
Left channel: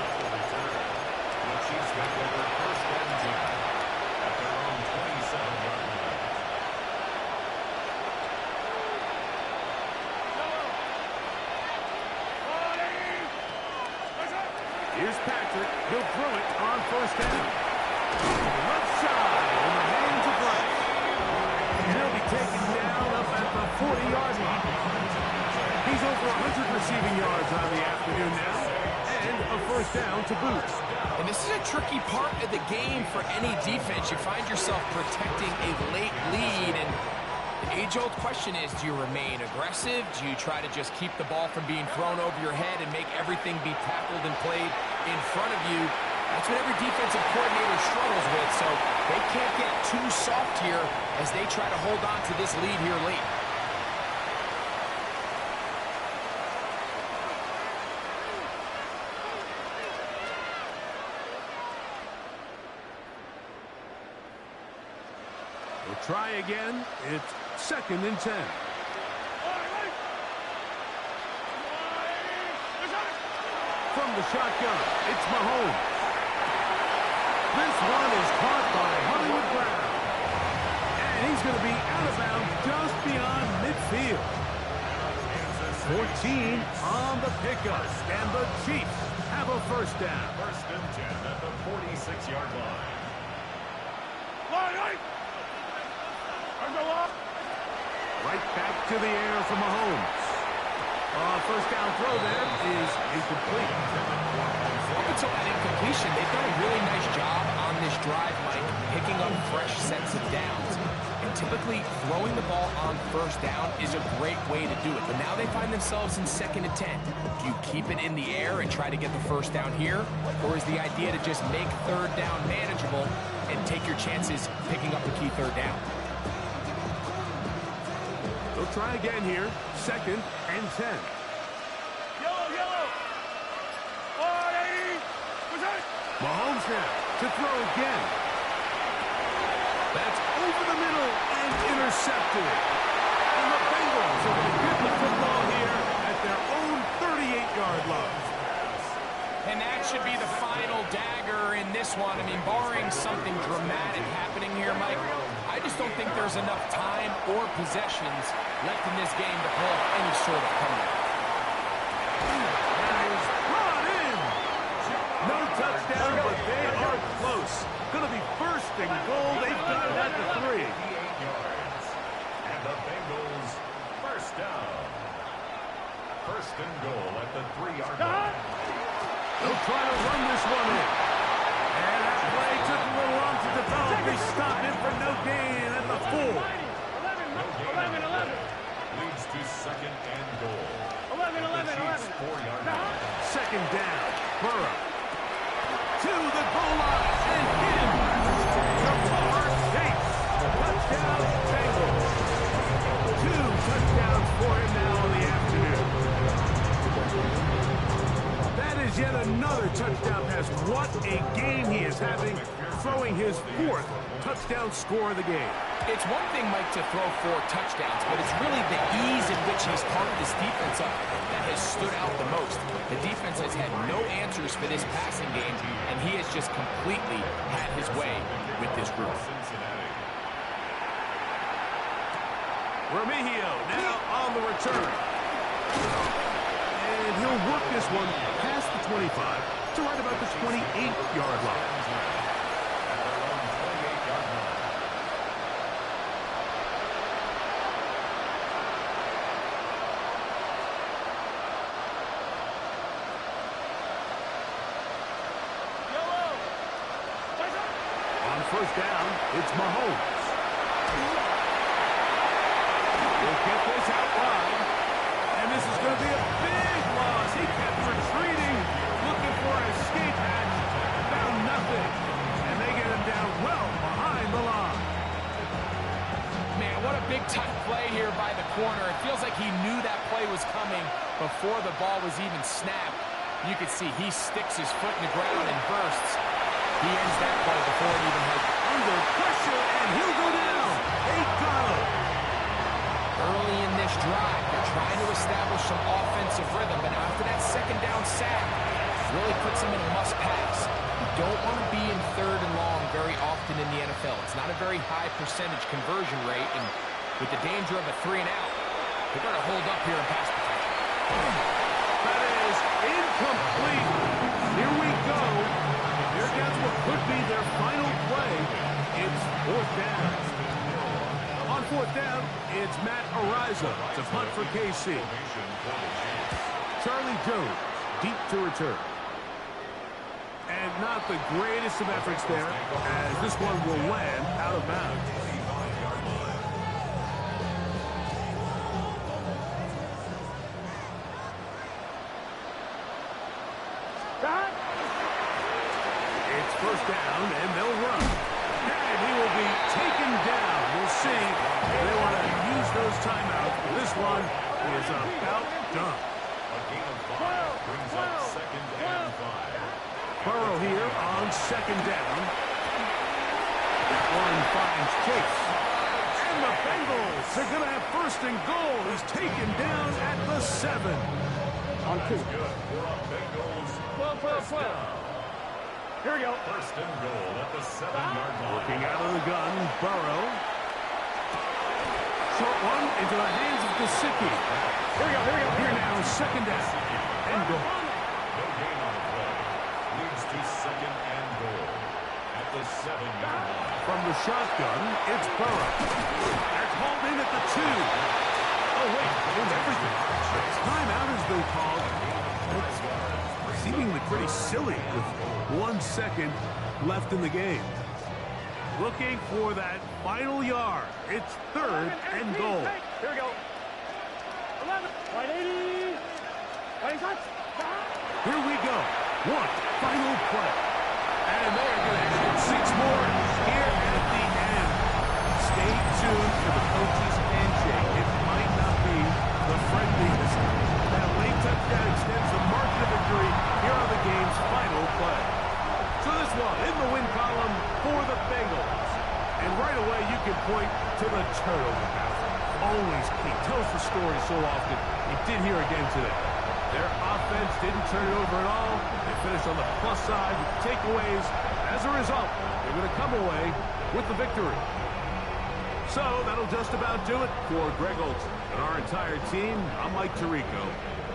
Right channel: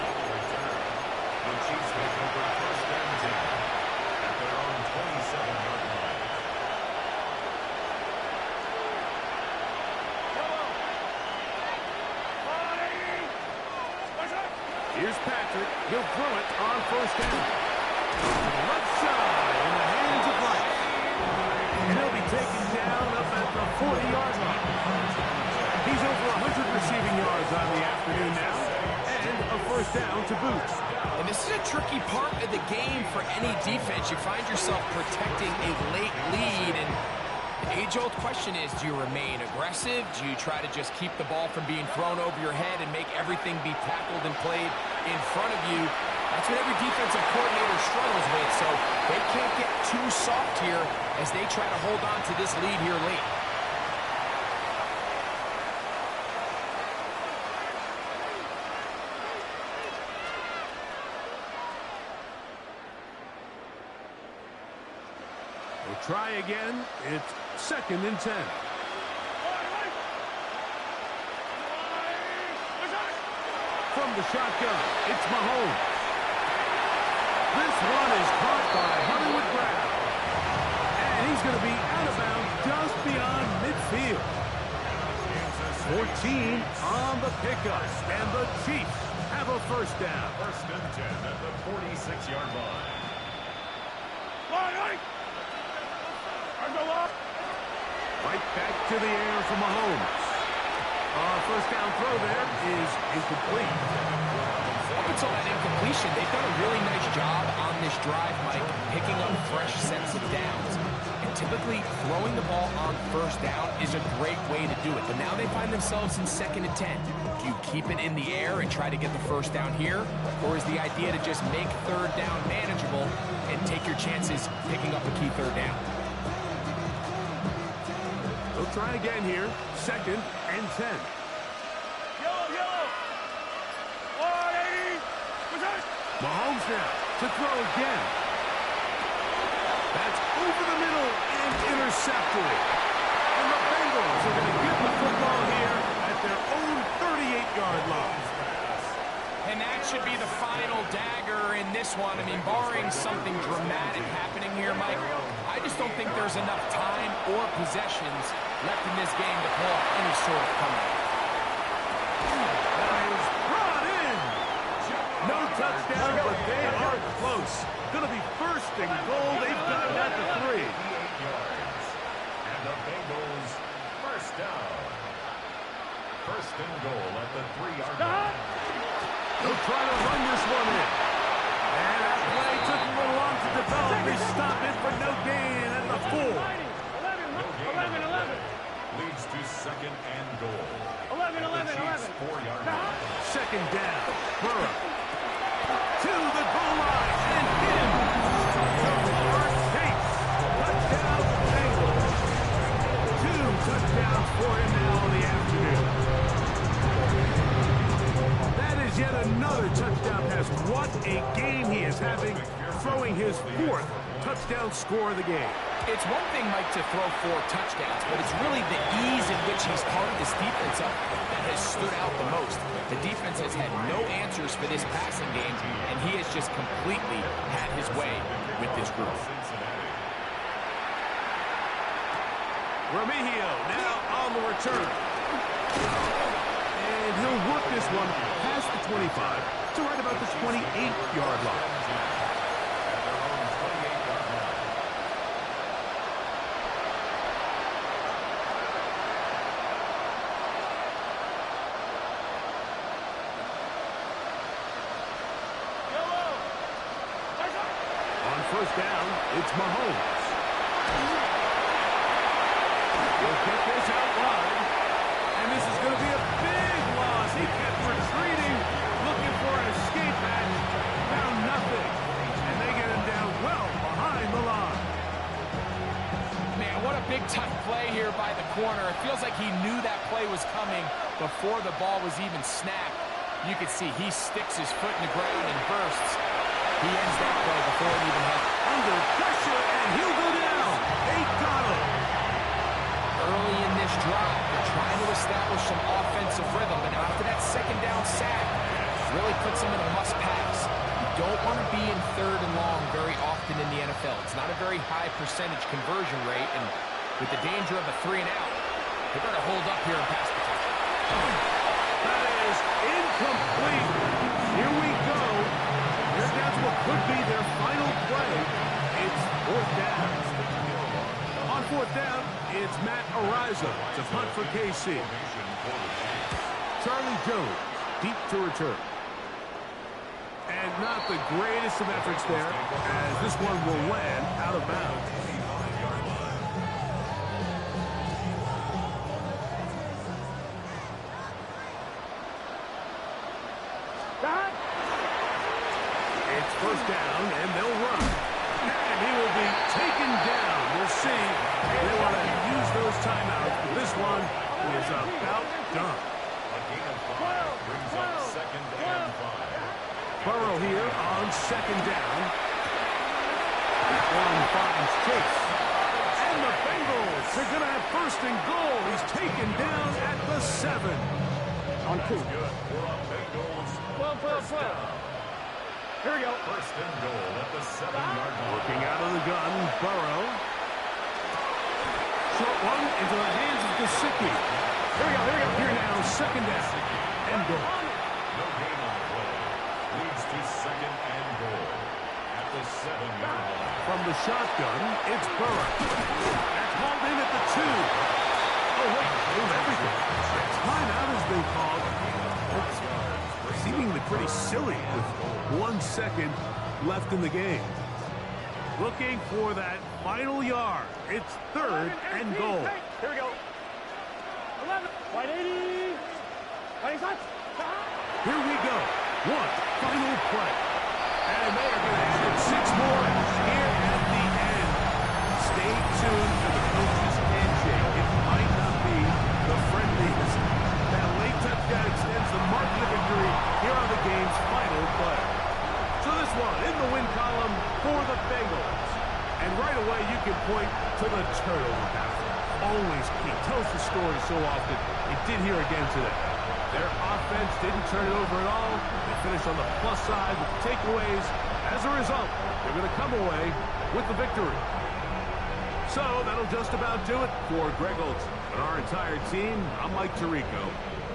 The Chiefs take over first and 10 at their own 27-yard line. Here's Patrick. He'll throw it on first down. To the left side in the hands of Rice. And he'll be taken down up at the 40-yard line. He's over 100 receiving yards on the afternoon now. And a first down to boot. And this is a tricky part of the game for any defense. You find yourself protecting a late lead, and the age-old question is, do you remain aggressive? Do you try to just keep the ball from being thrown over your head and make everything be tackled and played in front of you? That's what every defensive coordinator struggles with, so they can't get too soft here as they try to hold on to this lead here late. We'll try again. It's 2nd and 10. From the shotgun, it's Mahomes. This one is caught by Hollywood Brown. And he's going to be out of bounds just beyond midfield. 14 on the pickup. And the Chiefs have a first down. First and 10 at the 46-yard line. Right back to the air for Mahomes. First down throw there is incomplete. Up until that incompletion, they've done a really nice job on this drive, Mike, picking up fresh sets of downs. And typically, throwing the ball on first down is a great way to do it. But now they find themselves in 2nd and 10. Do you keep it in the air and try to get the first down here? Or is the idea to just make third down manageable and take your chances picking up a key third down? They'll try again here. 2nd and 10. Yellow. 180. Mahomes now to throw again. That's over the middle and intercepted. And the Bengals are going to get the football here at their own 38-yard line. And that should be the final dagger in this one. I mean, barring something dramatic happening here, Mike, I just don't think there's enough time or possessions left in this game to pull off any sort of comeback. That is brought in. No touchdown, but they are close. Going to be first and goal. They've got it at the 3. 8 yards. And the Bengals first down. First and goal at the 3-yard line. They'll try to run this one in. And that play took a little long to develop. They stop it for no gain at the 4. 11. Leads to 2nd and goal. 11. 4-yard line. 2nd down. Burrow. To the goal line. And in. Jamar Chase. Touchdown, Bengals. 2 touchdowns for him now on the afternoon. That is yet another touchdown pass. What a game he is having, throwing his 4th touchdown score of the game. It's one thing, Mike, to throw 4 touchdowns, but it's really the ease in which he's part of this defense up that has stood out the most. The defense has had no answers for this passing game, and he has just completely had his way with this group. Remigio now on the return. And he'll work this one past the 25 to right about the 28-yard line. At their own 28-yard line. On first down, it's Mahomes. He'll get this out wide. And this is going to be a big loss. He kept retreating, looking for an escape hatch. Found nothing. And they get him down well behind the line. Man, what a big-time play here by the corner. It feels like he knew that play was coming before the ball was even snapped. You can see he sticks his foot in the ground and bursts. He ends that play before it even has... Under pressure, and he'll go down. They got him. Early in this drive, they're trying to establish some offensive rhythm, but now after that second down sack, really puts them in a must-pass. You don't want to be in third and long very often in the NFL. It's not a very high percentage conversion rate, and with the danger of a 3-and-out, they better hold up here in pass protection. That is incomplete. Here we go. Here comes what could be their final play. It's fourth down. On fourth down, it's Matt Ariza to punt for KC. Charlie Jones, deep to return. And not the greatest of efforts there, as this one will land out of bounds. It's first down, and they'll run. And he will be taken down. We'll see. They want to use those timeouts, but this one is about done. A gain of 5 brings up second and 5. Burrow here on second down. That one finds Chase. And the Bengals are going to have first and goal. He's taken down at the 7. On 2. Good for a Bengals 12. Here we go. first and goal at the 7-yard line. Working out of the gun, Burrow. Short one into the hands of Gesicki. Here we go. Here now, second down. And goal. No gain on the play. Leads to second and goal at the 7-yard line. From the shotgun, it's Burrow. That's hauled in at the 2. Oh, wait, hold everything. Timeout has been called. That's seemingly pretty silly with 1 second left in the game. Looking for that final yard. It's third and goal. Here we go. 11. 180. 26. Here we go. One final play. And they are going to add 6 more here at the end. Stay tuned for the coach's handshake. It might not be the friendliest. That late touchdown extends the margin of victory here on the game's final play. So this one in the win column for the Bengals. And right away you can point to the turnover battle. Always key. Tells the story so often. It did here again today. Their offense didn't turn it over at all. They finished on the plus side with the takeaways. As a result, they're going to come away with the victory. So that'll just about do it for Greg Olson and our entire team. I'm Mike Tirico.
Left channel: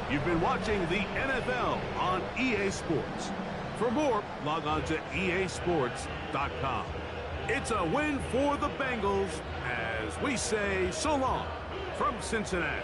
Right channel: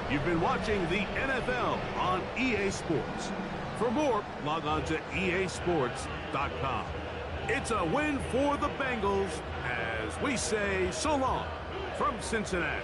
You've been watching the NFL on EA Sports. For more, log on to easports.com. It's a win for the Bengals as we say so long from Cincinnati.